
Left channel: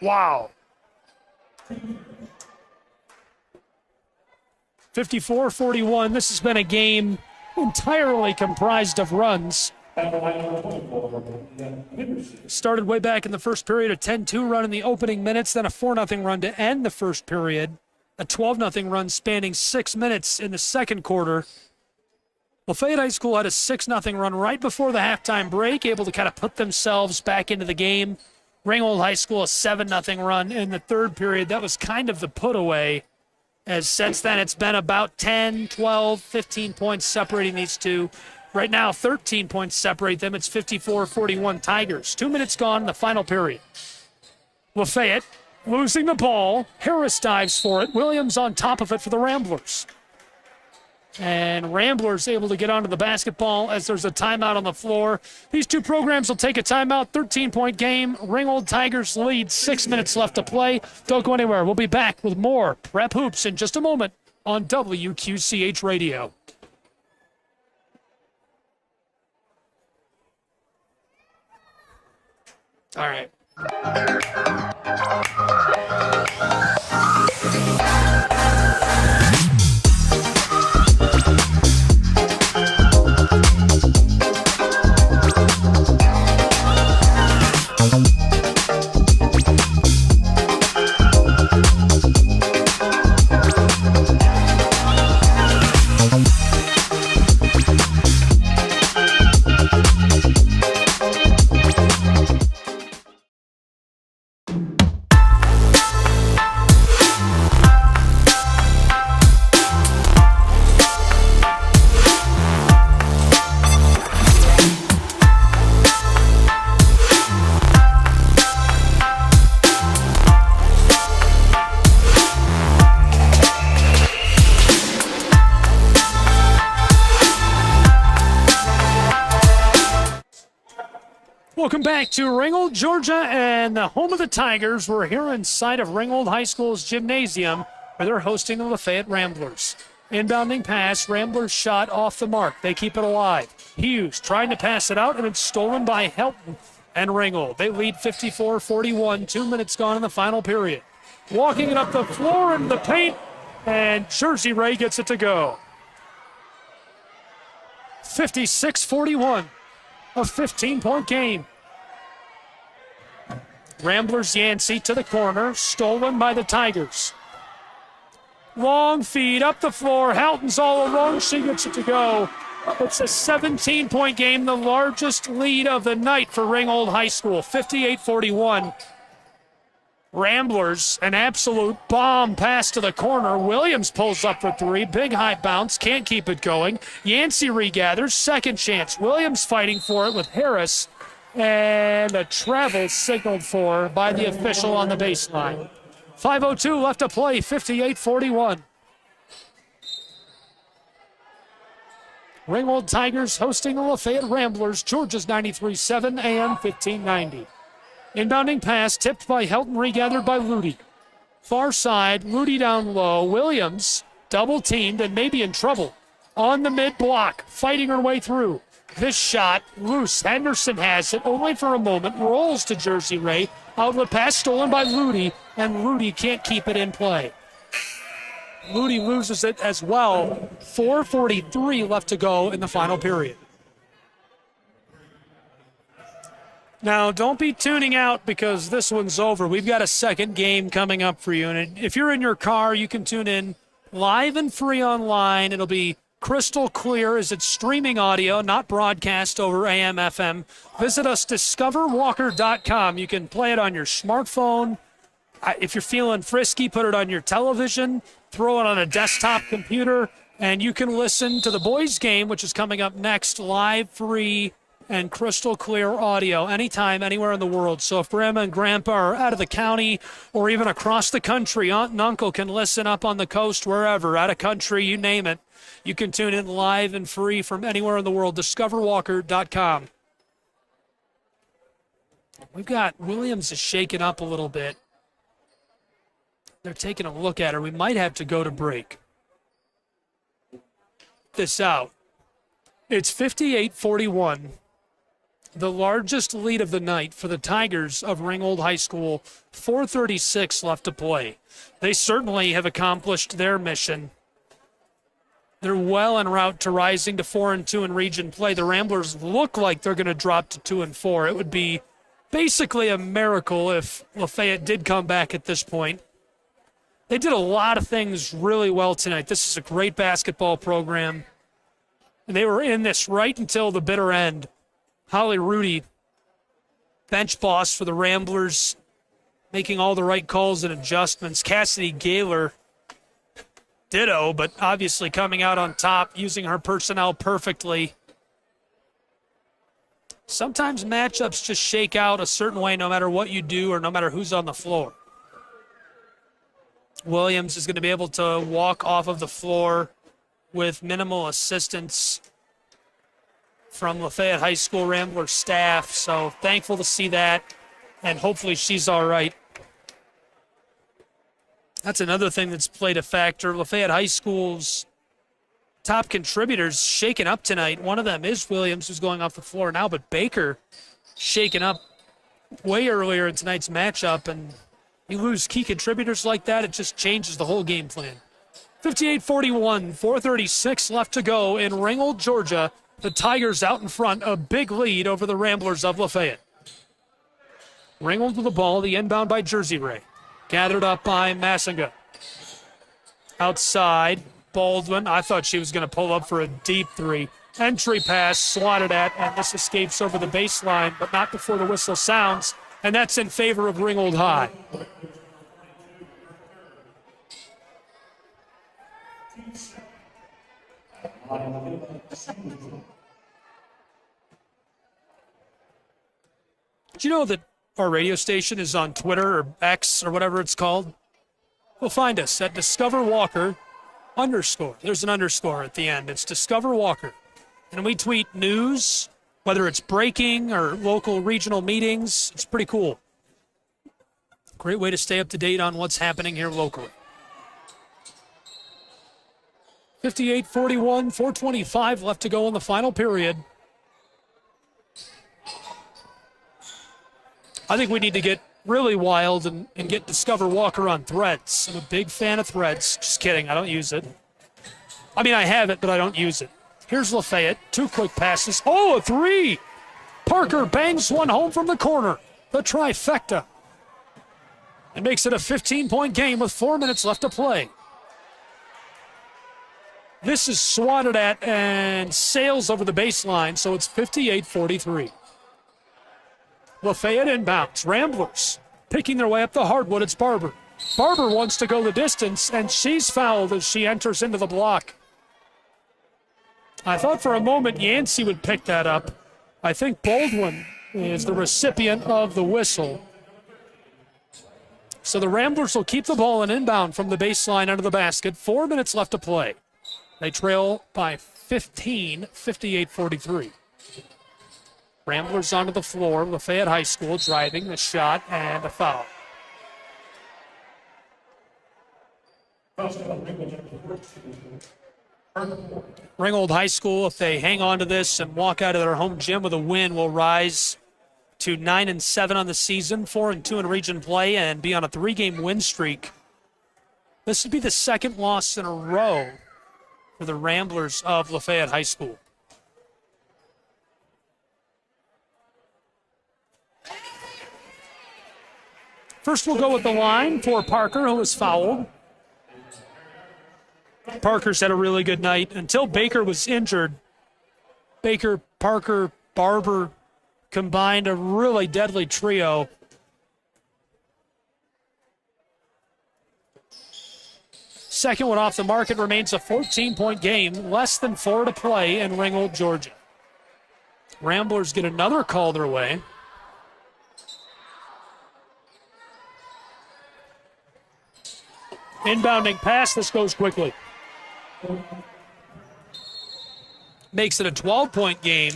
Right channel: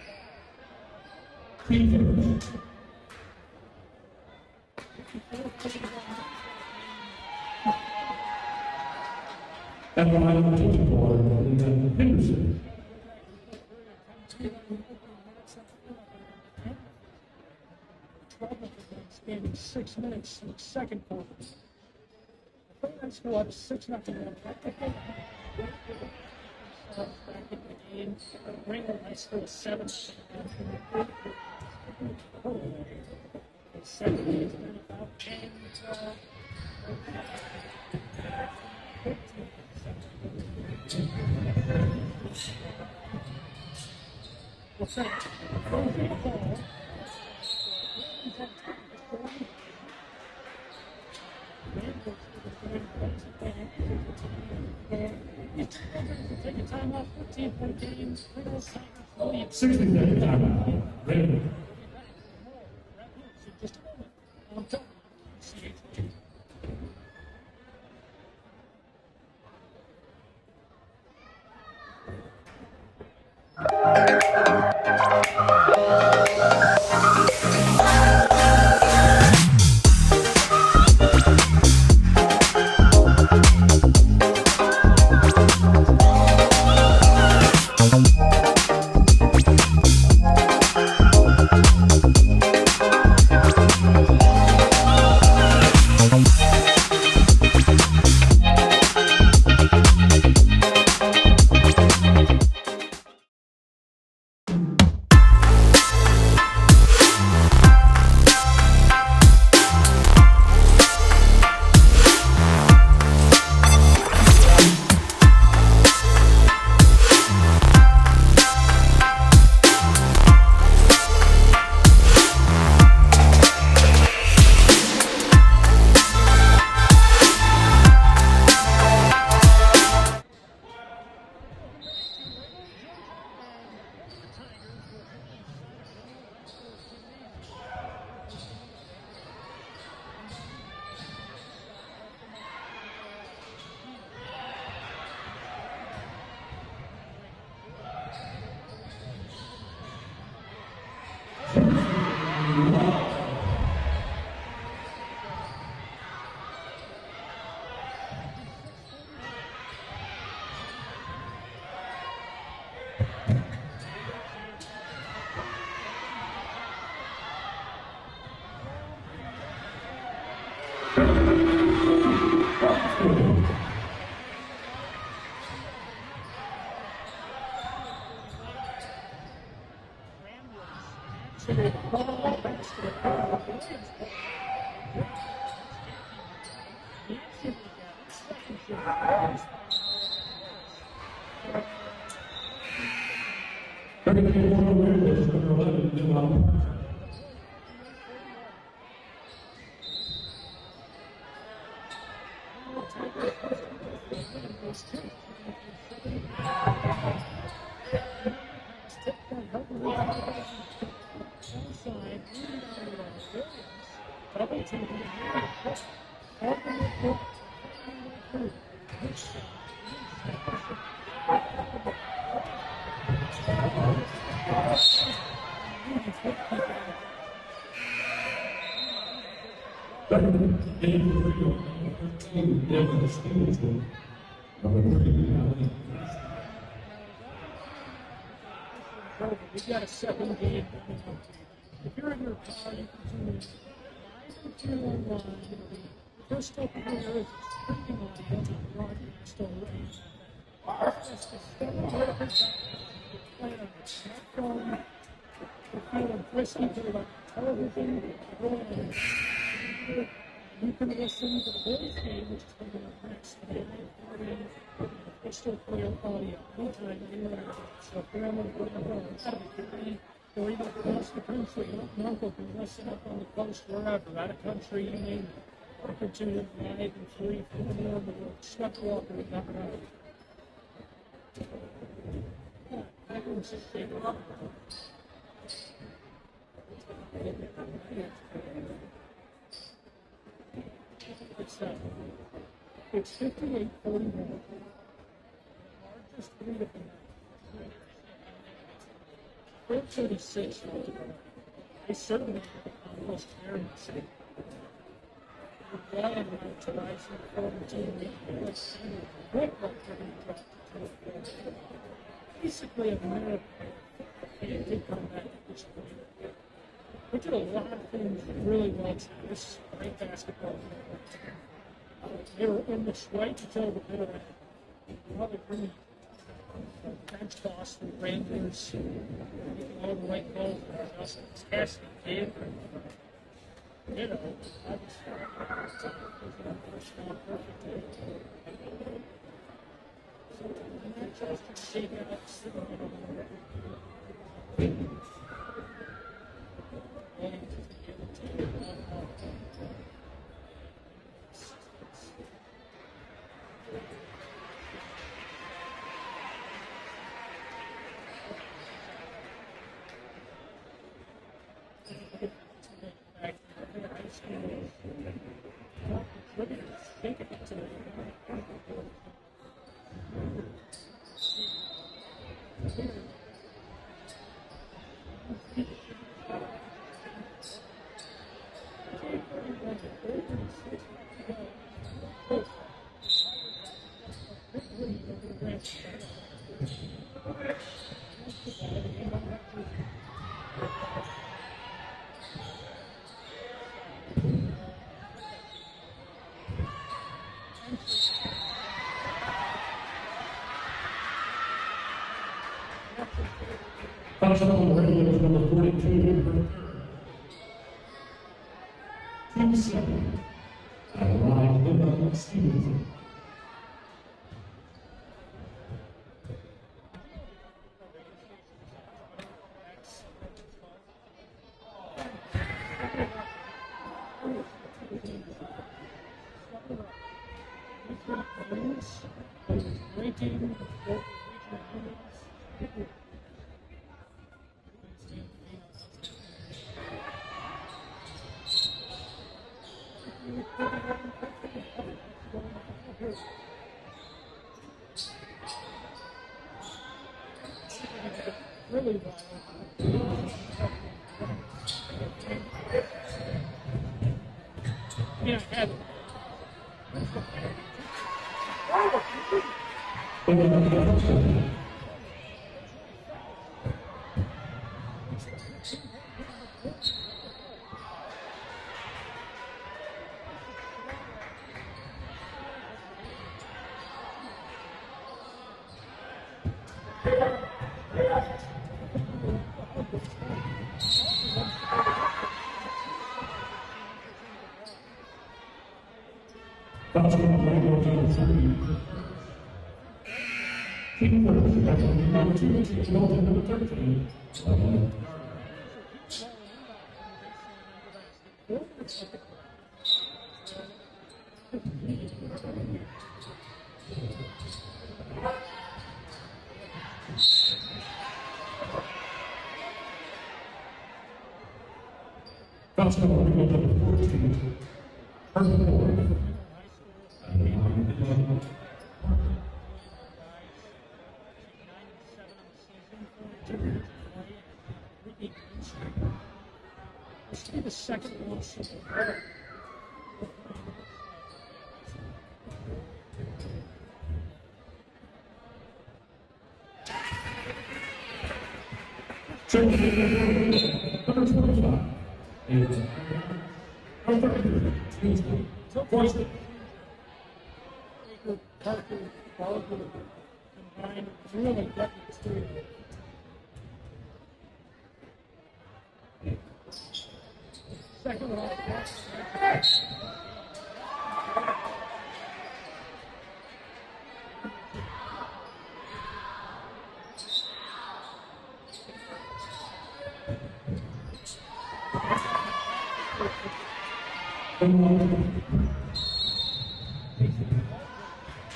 Wow. 54-41. This has been a game entirely comprised of runs. Started way back in the first period, a 10-2 run in the opening minutes, then a 4-0 run to end the first period, a 12-0 run spanning 6 minutes in the second quarter. Lafayette High School had a 6-0 run right before the halftime break, able to kind of put themselves back into the game. Ringgold High School a 7-0 run in the third period. That was kind of the put away, as since then it's been about 10, 12, 15 points separating these two. Right now, 13 points separate them. It's 54-41 Tigers. 2 minutes gone in the final period. Lafayette losing the ball. Harris dives for it. Williams on top of it for the Ramblers. And Ramblers able to get onto the basketball as there's a timeout on the floor. These two programs will take a timeout. 13-point game. Ringgold Tigers lead. 6 minutes left to play. Don't go anywhere. We'll be back with more Prep Hoops in just a moment on WQCH Radio. All right. Welcome back to Ringgold, Georgia, and the home of the Tigers. We're here inside of Ringgold High School's gymnasium, where they're hosting the Lafayette Ramblers. Inbounding pass, Ramblers shot off the mark. They keep it alive. Hughes trying to pass it out, and it's stolen by Helton and Ringgold. They lead 54-41, 2 minutes gone in the final period. Walking it up the floor in the paint, and Jersey Ray gets it to go. 56-41. A 15-point game. Ramblers Yancey to the corner, stolen by the Tigers. Long feed up the floor. Houghton's all alone. She gets it to go. It's a 17-point game, the largest lead of the night for Ringgold High School, 58-41. Ramblers, an absolute bomb pass to the corner. Williams pulls up for three. Big high bounce. Can't keep it going. Yancey regathers. Second chance. Williams fighting for it with Harris. And a travel signaled for by the official on the baseline. 5:02 left to play. 58-41. Ringgold Tigers hosting the Lafayette Ramblers. Georgia's 93.7 AM 1590. Inbounding pass tipped by Helton, regathered by Ludy. Far side, Ludy down low. Williams double teamed and maybe in trouble. On the mid block, fighting her way through. This shot loose. Henderson has it only for a moment. Rolls to Jersey Ray. Outlet pass stolen by Ludy, and Ludy can't keep it in play. Ludy loses it as well. 4:43 left to go in the final period. Now, don't be tuning out because this one's over. We've got a second game coming up for you. And if you're in your car, you can tune in live and free online. It'll be crystal clear as it's streaming audio, not broadcast over AM, FM. Visit us, discoverwalker.com. You can play it on your smartphone. If you're feeling frisky, put it on your television, throw it on a desktop computer, and you can listen to the boys' game, which is coming up next, live, free, and crystal clear audio anytime, anywhere in the world. So if grandma and grandpa are out of the county or even across the country, aunt and uncle can listen up on the coast, wherever, out of country, you name it. You can tune in live and free from anywhere in the world. Discoverwalker.com. We've got Williams is shaken up a little bit. They're taking a look at her. We might have to go to break. This out. It's 58-41. The largest lead of the night for the Tigers of Ringgold High School. 4:36 left to play. They certainly have accomplished their mission. They're well en route to rising to 4-2 in region play. The Ramblers look like they're going to drop to 2-4. It would be basically a miracle if Lafayette did come back at this point. They did a lot of things really well tonight. This is a great basketball program. And they were in this right until the bitter end. Holly Rudy, bench boss for the Ramblers, making all the right calls and adjustments. Cassidy Gaylor, ditto, but obviously coming out on top, using her personnel perfectly. Sometimes matchups just shake out a certain way no matter what you do or no matter who's on the floor. Williams is going to be able to walk off of the floor with minimal assistance from Lafayette High School Rambler staff, so thankful to see that, and hopefully she's all right. That's another thing that's played a factor. Lafayette High School's top contributors shaken up tonight. One of them is Williams, who's going off the floor now, but Baker shaken up way earlier in tonight's matchup, and you lose key contributors like that, it just changes the whole game plan. 58-41, 4:36 left to go in Ringgold, Georgia. The Tigers out in front, a big lead over the Ramblers of Lafayette. Ringgold with the ball, the inbound by Jersey Ray. Gathered up by Massinga. Outside, Baldwin. I thought she was going to pull up for a deep three. Entry pass, swatted at, and this escapes over the baseline, but not before the whistle sounds, and that's in favor of Ringgold High. Did you know that our radio station is on Twitter or X or whatever it's called? Well, find us at Discover Walker _. There's an underscore at the end. It's Discover Walker. And we tweet news, whether it's breaking or local regional meetings. It's pretty cool. Great way to stay up to date on what's happening here locally. 58-41, 4:25 left to go in the final period. I think we need to get really wild and get Discover Walker on threads. I'm a big fan of threads. Just kidding, I don't use it. I mean, I have it, but I don't use it. Here's Lafayette, 2 quick passes. Oh, a 3! Parker bangs one home from the corner. The trifecta. And makes it a 15-point game with 4 minutes left to play. This is swatted at and sails over the baseline, so it's 58-43. Lafayette inbounds. Ramblers picking their way up the hardwood. It's Barber. Barber wants to go the distance, and she's fouled as she enters into the block. I thought for a moment Yancey would pick that up. I think Baldwin is the recipient of the whistle. So the Ramblers will keep the ball and inbound from the baseline under the basket. 4 minutes left to play. They trail by 15, 58-43. Ramblers onto the floor. Lafayette High School driving the shot and a foul. Ringgold High School, if they hang on to this and walk out of their home gym with a win, will rise to 9-7 on the season, 4-2 in region play, and be on a 3-game win streak. This would be the second loss in a row for the Ramblers of Lafayette High School. First, we'll go with the line for Parker, who was fouled. Parker's had a really good night until Baker was injured. Baker, Parker, Barber combined a really deadly trio. Second one off the market, remains a 14-point game, less than 4 to play in Ringgold, Georgia. Ramblers get another call their way. Inbounding pass, this goes quickly. Makes it a 12-point game.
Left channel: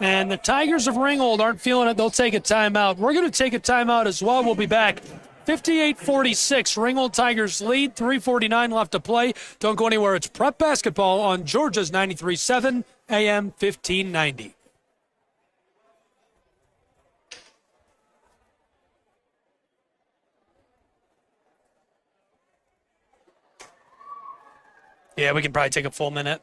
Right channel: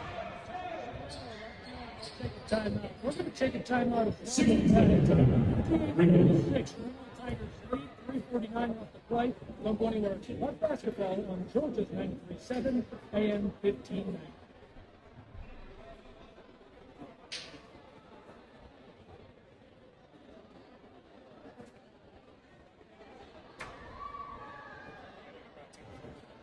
And the Tigers of Ringgold aren't feeling it. They'll take a timeout. We're going to take a timeout as well. We'll be back. 58-46. Ringgold Tigers lead. 3:49 left to play. Don't go anywhere. It's Prep Basketball on Georgia's 93.7 AM 1590. Yeah, we can probably take a full minute.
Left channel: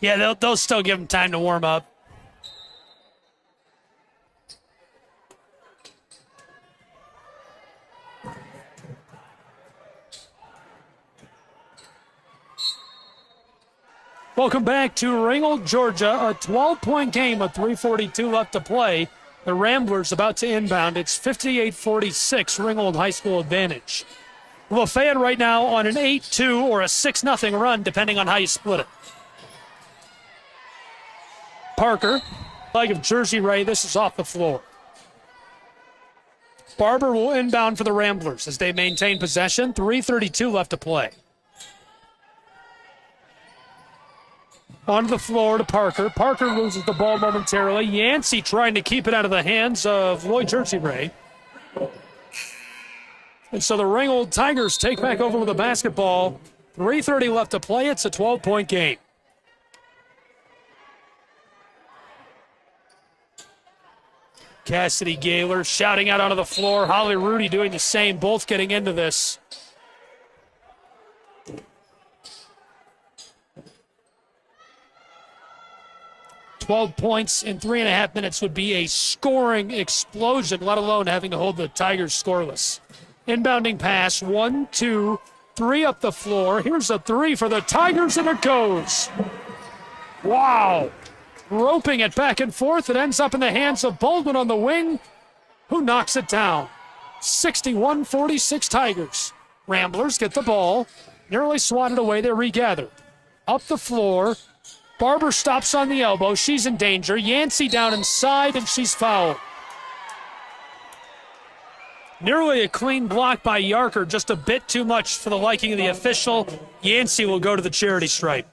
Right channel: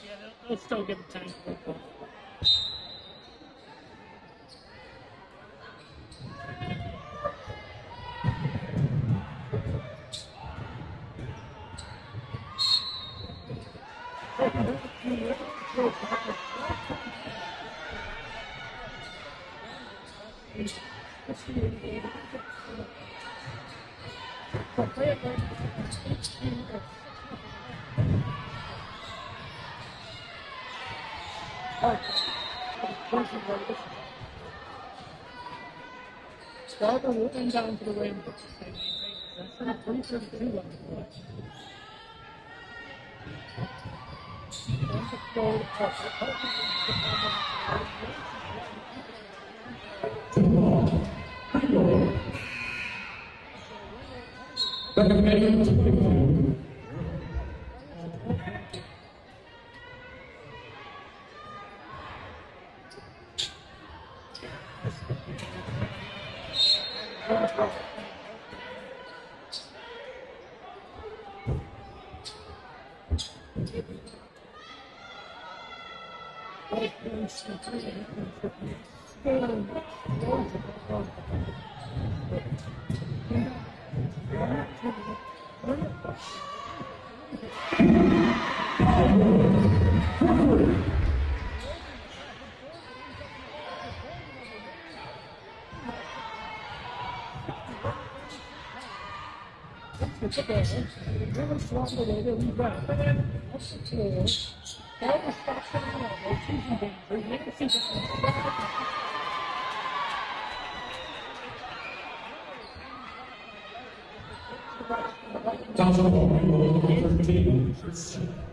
Yeah, they'll still give them time to warm up. Welcome back to Ringgold, Georgia. A 12-point game with 3:42 left to play. The Ramblers about to inbound. It's 58-46, Ringgold High School advantage. Lafayette right now on an 8-2 or a 6-0 run, depending on how you split it. Parker, leg of Jersey Ray, this is off the floor. Barber will inbound for the Ramblers as they maintain possession. 3:32 left to play. Onto the floor to Parker. Parker loses the ball momentarily. Yancey trying to keep it out of the hands of Lloyd Jersey Ray. And so the Ringgold Tigers take back over with the basketball. 3:30 left to play. It's a 12-point game. Cassidy Gaylor shouting out onto the floor. Holly Rudy doing the same, both getting into this. 12 points in 3.5 minutes would be a scoring explosion, let alone having to hold the Tigers scoreless. Inbounding pass, 1, 2, 3 up the floor. Here's a 3 for the Tigers, and it goes. Wow. Roping it back and forth. It ends up in the hands of Baldwin on the wing, who knocks it down. 61-46 Tigers. Ramblers get the ball. Nearly swatted away. They regather. Up the floor. Barber stops on the elbow. She's in danger. Yancey down inside, and she's fouled. Nearly a clean block by Yarker. Just a bit too much for the liking of the official. Yancey will go to the charity stripe.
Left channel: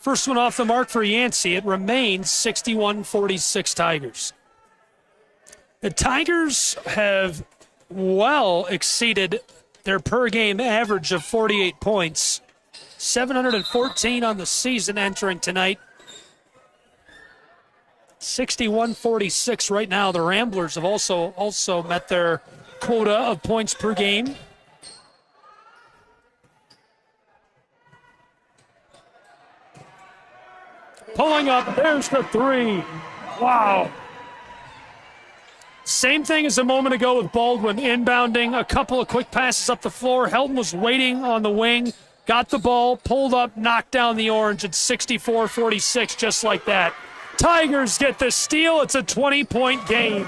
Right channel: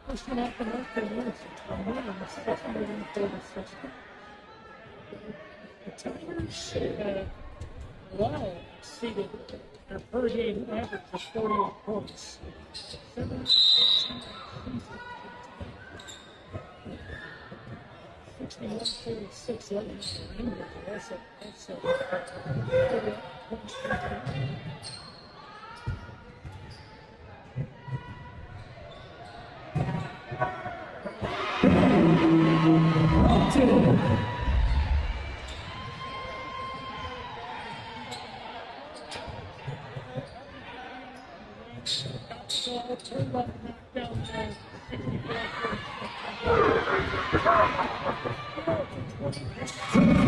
First one off the mark for Yancey. It remains 61-46 Tigers. The Tigers have well exceeded their per-game average of 48 points. 714 on the season entering tonight. 61-46 right now. The Ramblers have also met their quota of points per game. Pulling up, there's the 3. Wow. Same thing as a moment ago with Baldwin, inbounding, a couple of quick passes up the floor. Helton was waiting on the wing, got the ball, pulled up, knocked down the Orange at 64-46, just like that. Tigers get the steal. It's a 20-point game.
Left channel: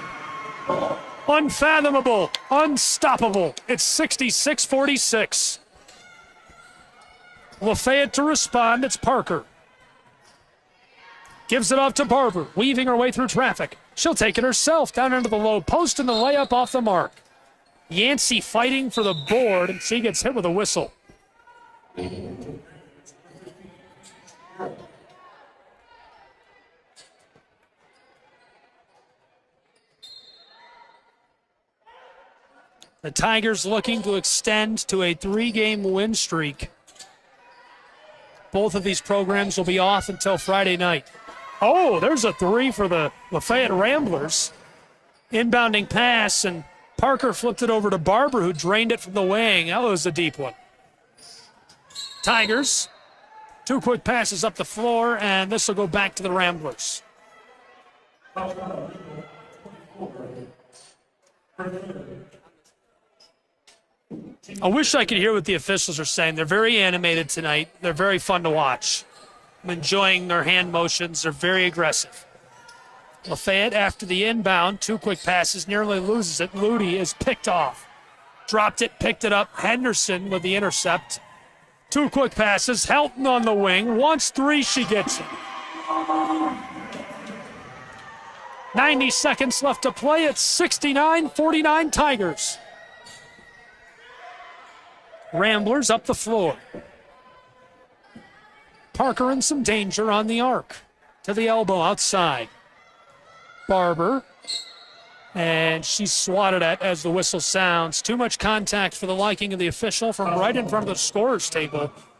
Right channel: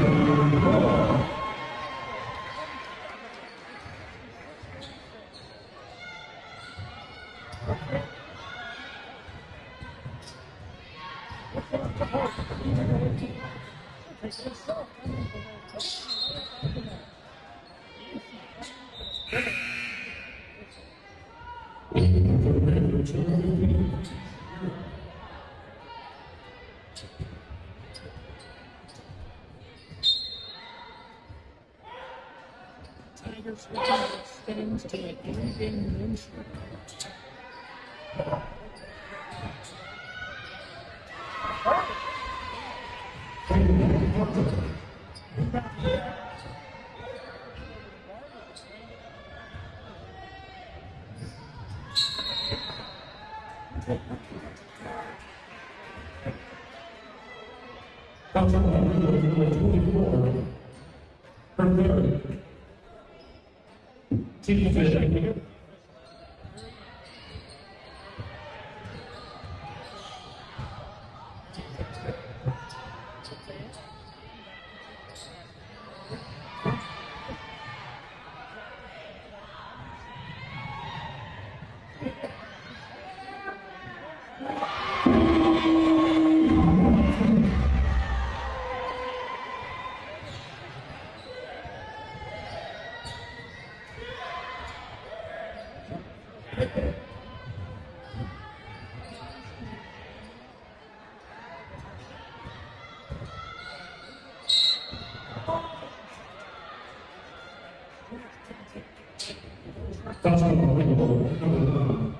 Unfathomable, unstoppable. It's 66-46. Lafayette to respond. It's Parker. Gives it off to Barber, weaving her way through traffic. She'll take it herself down into the low post, and the layup off the mark. Yancey fighting for the board, and she gets hit with a whistle. The Tigers looking to extend to a 3-game win streak. Both of these programs will be off until Friday night. Oh, there's a 3 for the Lafayette Ramblers. Inbounding pass, and Parker flipped it over to Barber, who drained it from the wing. That was a deep one. Tigers, 2 quick passes up the floor, and this will go back to the Ramblers. I wish I could hear what the officials are saying. They're very animated tonight. They're very fun to watch. I'm enjoying their hand motions. They're very aggressive. Lafayette, after the inbound, 2 quick passes, nearly loses it. Ludy is picked off. Dropped it, picked it up. Henderson with the intercept. 2 quick passes. Helton on the wing. Wants 3, she gets it. 90 seconds left to play. It's 69-49 Tigers. Ramblers up the floor. Parker in some danger on the arc. To the elbow outside. Barber. And she's swatted at as the whistle sounds. Too much contact for the liking of the official from right in front of the scorer's table.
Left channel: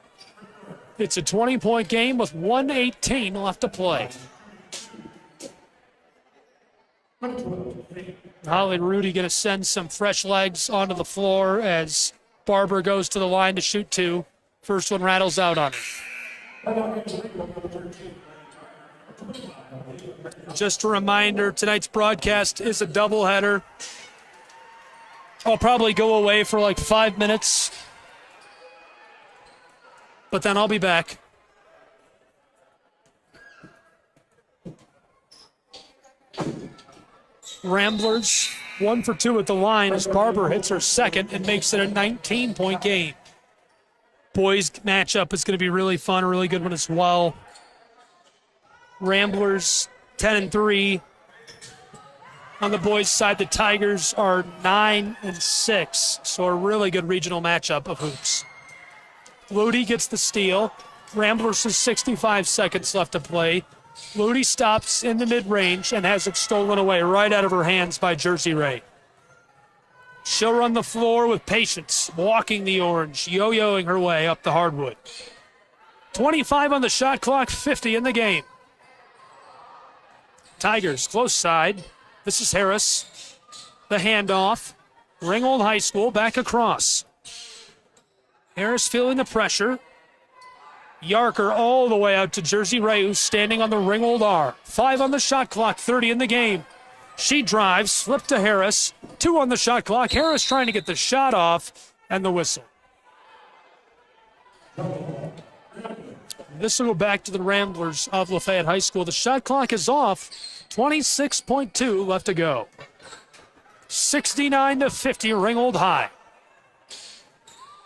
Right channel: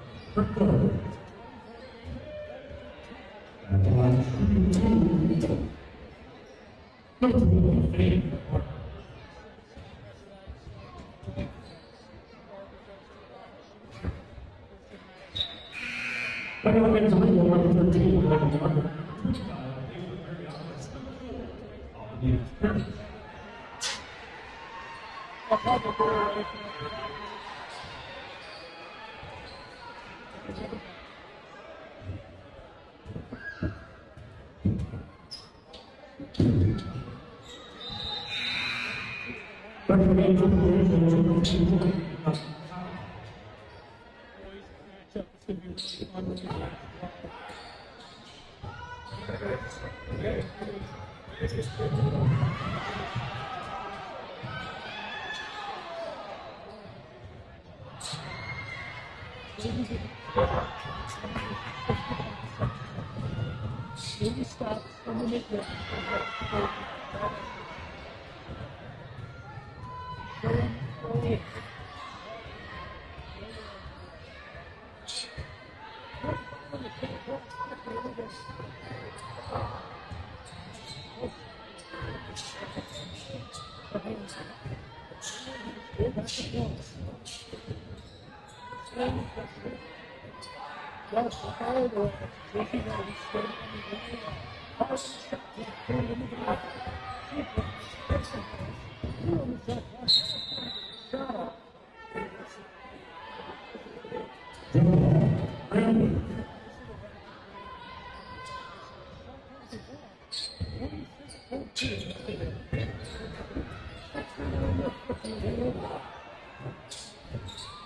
It's a 20-point game with 1:18 left to play. Holly and Rudy going to send some fresh legs onto the floor as Barber goes to the line to shoot 2. First one rattles out on him. Just a reminder, tonight's broadcast is a doubleheader. I'll probably go away for like 5 minutes, but then I'll be back. Ramblers 1 for 2 at the line as Barber hits her second and makes it a 19-point game. Boys matchup is going to be really fun, a really good one as well. Ramblers 10-3. On the boys' side, the Tigers are 9-6, so a really good regional matchup of hoops. Ludy gets the steal. Ramblers has 65 seconds left to play. Ludy stops in the mid-range and has it stolen away right out of her hands by Jersey Ray. She'll run the floor with patience, walking the orange, yo-yoing her way up the hardwood. 25 on the shot clock, 50 in the game. Tigers, close side. This is Harris. The handoff. Ringgold High School back across. Harris feeling the pressure. Yarker all the way out to Jersey Ray, who's standing on the Ringgold R. 5 on the shot clock, 30 in the game. She drives, flip to Harris. 2 on the shot clock. Harris trying to get the shot off, and the whistle. This will go back to the Ramblers of Lafayette High School. The shot clock is off. 26.2 left to go. 69-50, Ringgold High.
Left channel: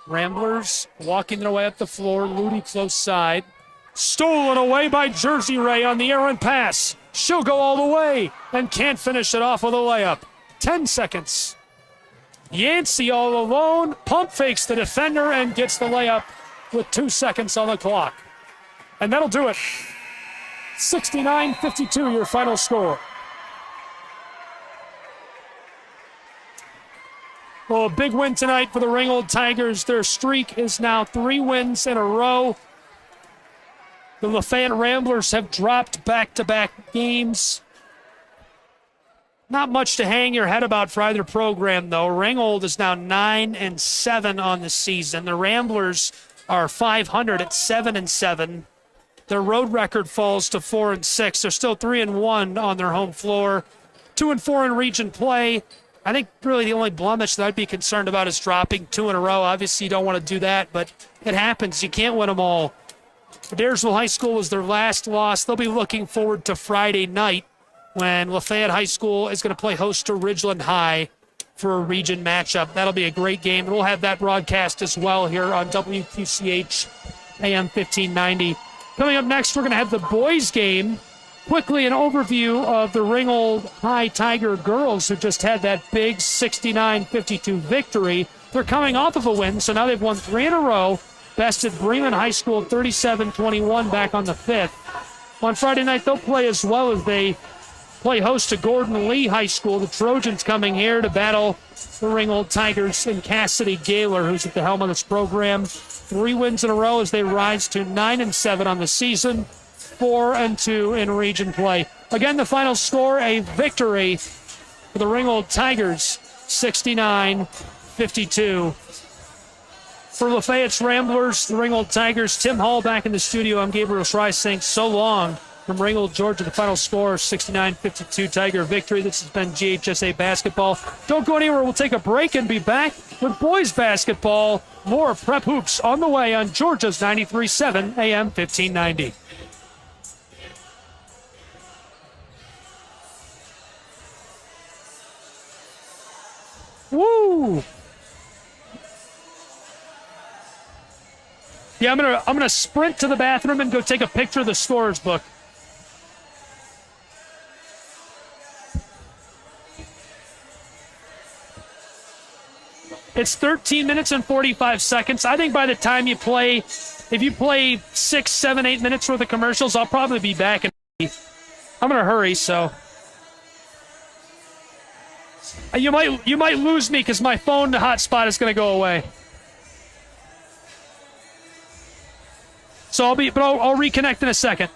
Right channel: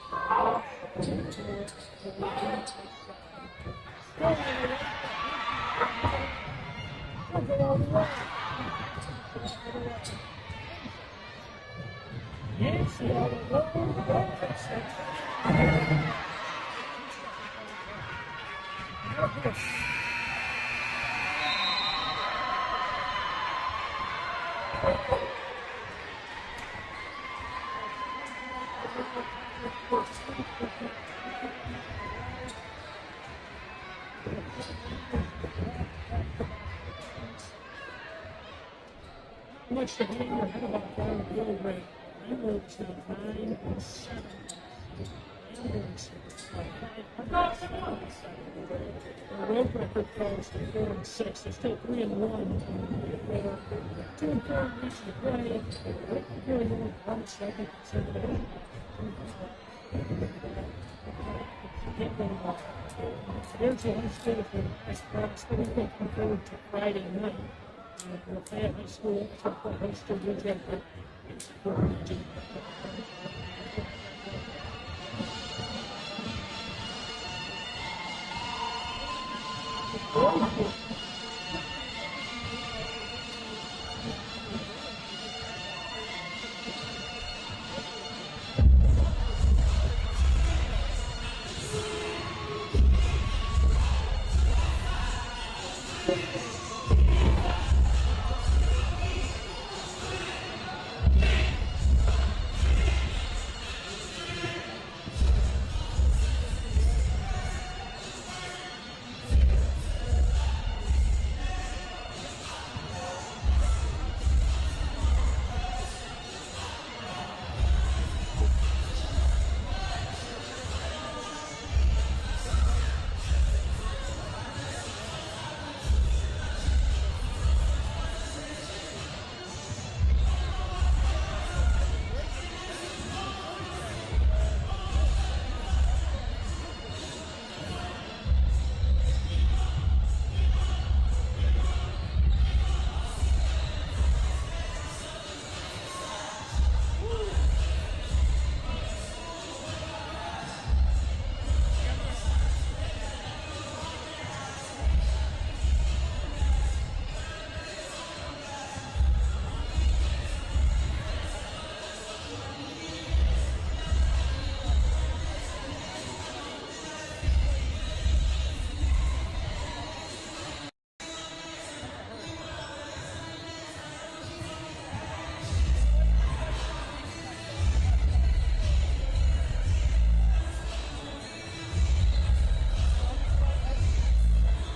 Ramblers walking their way up the floor. Ludi close side. Stolen away by Jersey Ray on the errant pass. She'll go all the way and can't finish it off with a layup. 10 seconds. Yancey all alone. Pump fakes the defender and gets the layup with 2 seconds on the clock. And that'll do it. 69-52, your final score. Well, a big win tonight for the Ringgold Tigers. Their streak is now 3 wins in a row. The Lafayette Ramblers have dropped back-to-back games. Not much to hang your head about for either program, though. Ringgold is now 9-7 on the season. The Ramblers are 500 at 7-7. Their road record falls to 4-6. They're still 3-1 on their home floor. 2-4 in region play. I think really the only blemish that I'd be concerned about is dropping 2 in a row. Obviously, you don't want to do that, but it happens. You can't win them all. Adairsville High School was their last loss. They'll be looking forward to Friday night when Lafayette High School is going to play host to Ridgeland High for a region matchup. That'll be a great game. We'll have that broadcast as well here on WQCH AM 1590. Coming up next, we're going to have the boys game. Quickly, an overview of the Ringgold High Tiger girls who just had that big 69-52 victory. They're coming off of a win, so now they've won 3 in a row. Bested Bremen High School 37-21 back on the 5th. On Friday night, they'll play as well as they play host to Gordon Lee High School. The Trojans coming here to battle the Ringgold Tigers and Cassidy Gaylor, who's at the helm of this program. 3 wins in a row as they rise to 9-7 on the season. 4-2 in region play. Again, the final score, a victory for the Ringgold Tigers, 69-52. For Lafayette's Ramblers, the Ringgold Tigers, Tim Hall back in the studio. I'm Gabriel Schreiss saying so long from Ringgold, Georgia. The final score, 69-52 Tiger victory. This has been GHSA Basketball. Don't go anywhere. We'll take a break and be back with boys basketball. More Prep Hoops on the way on Georgia's 93.7 AM 1590. Woo! Yeah, I'm gonna sprint to the bathroom and go take a picture of the scorer's book. It's 13 minutes and 45 seconds. I think by the time you play, if you play 6, 7, 8 minutes worth of commercials, I'll probably be back. I'm gonna hurry, so. You might lose me because my phone hotspot is going to go away. So I'll reconnect in a second.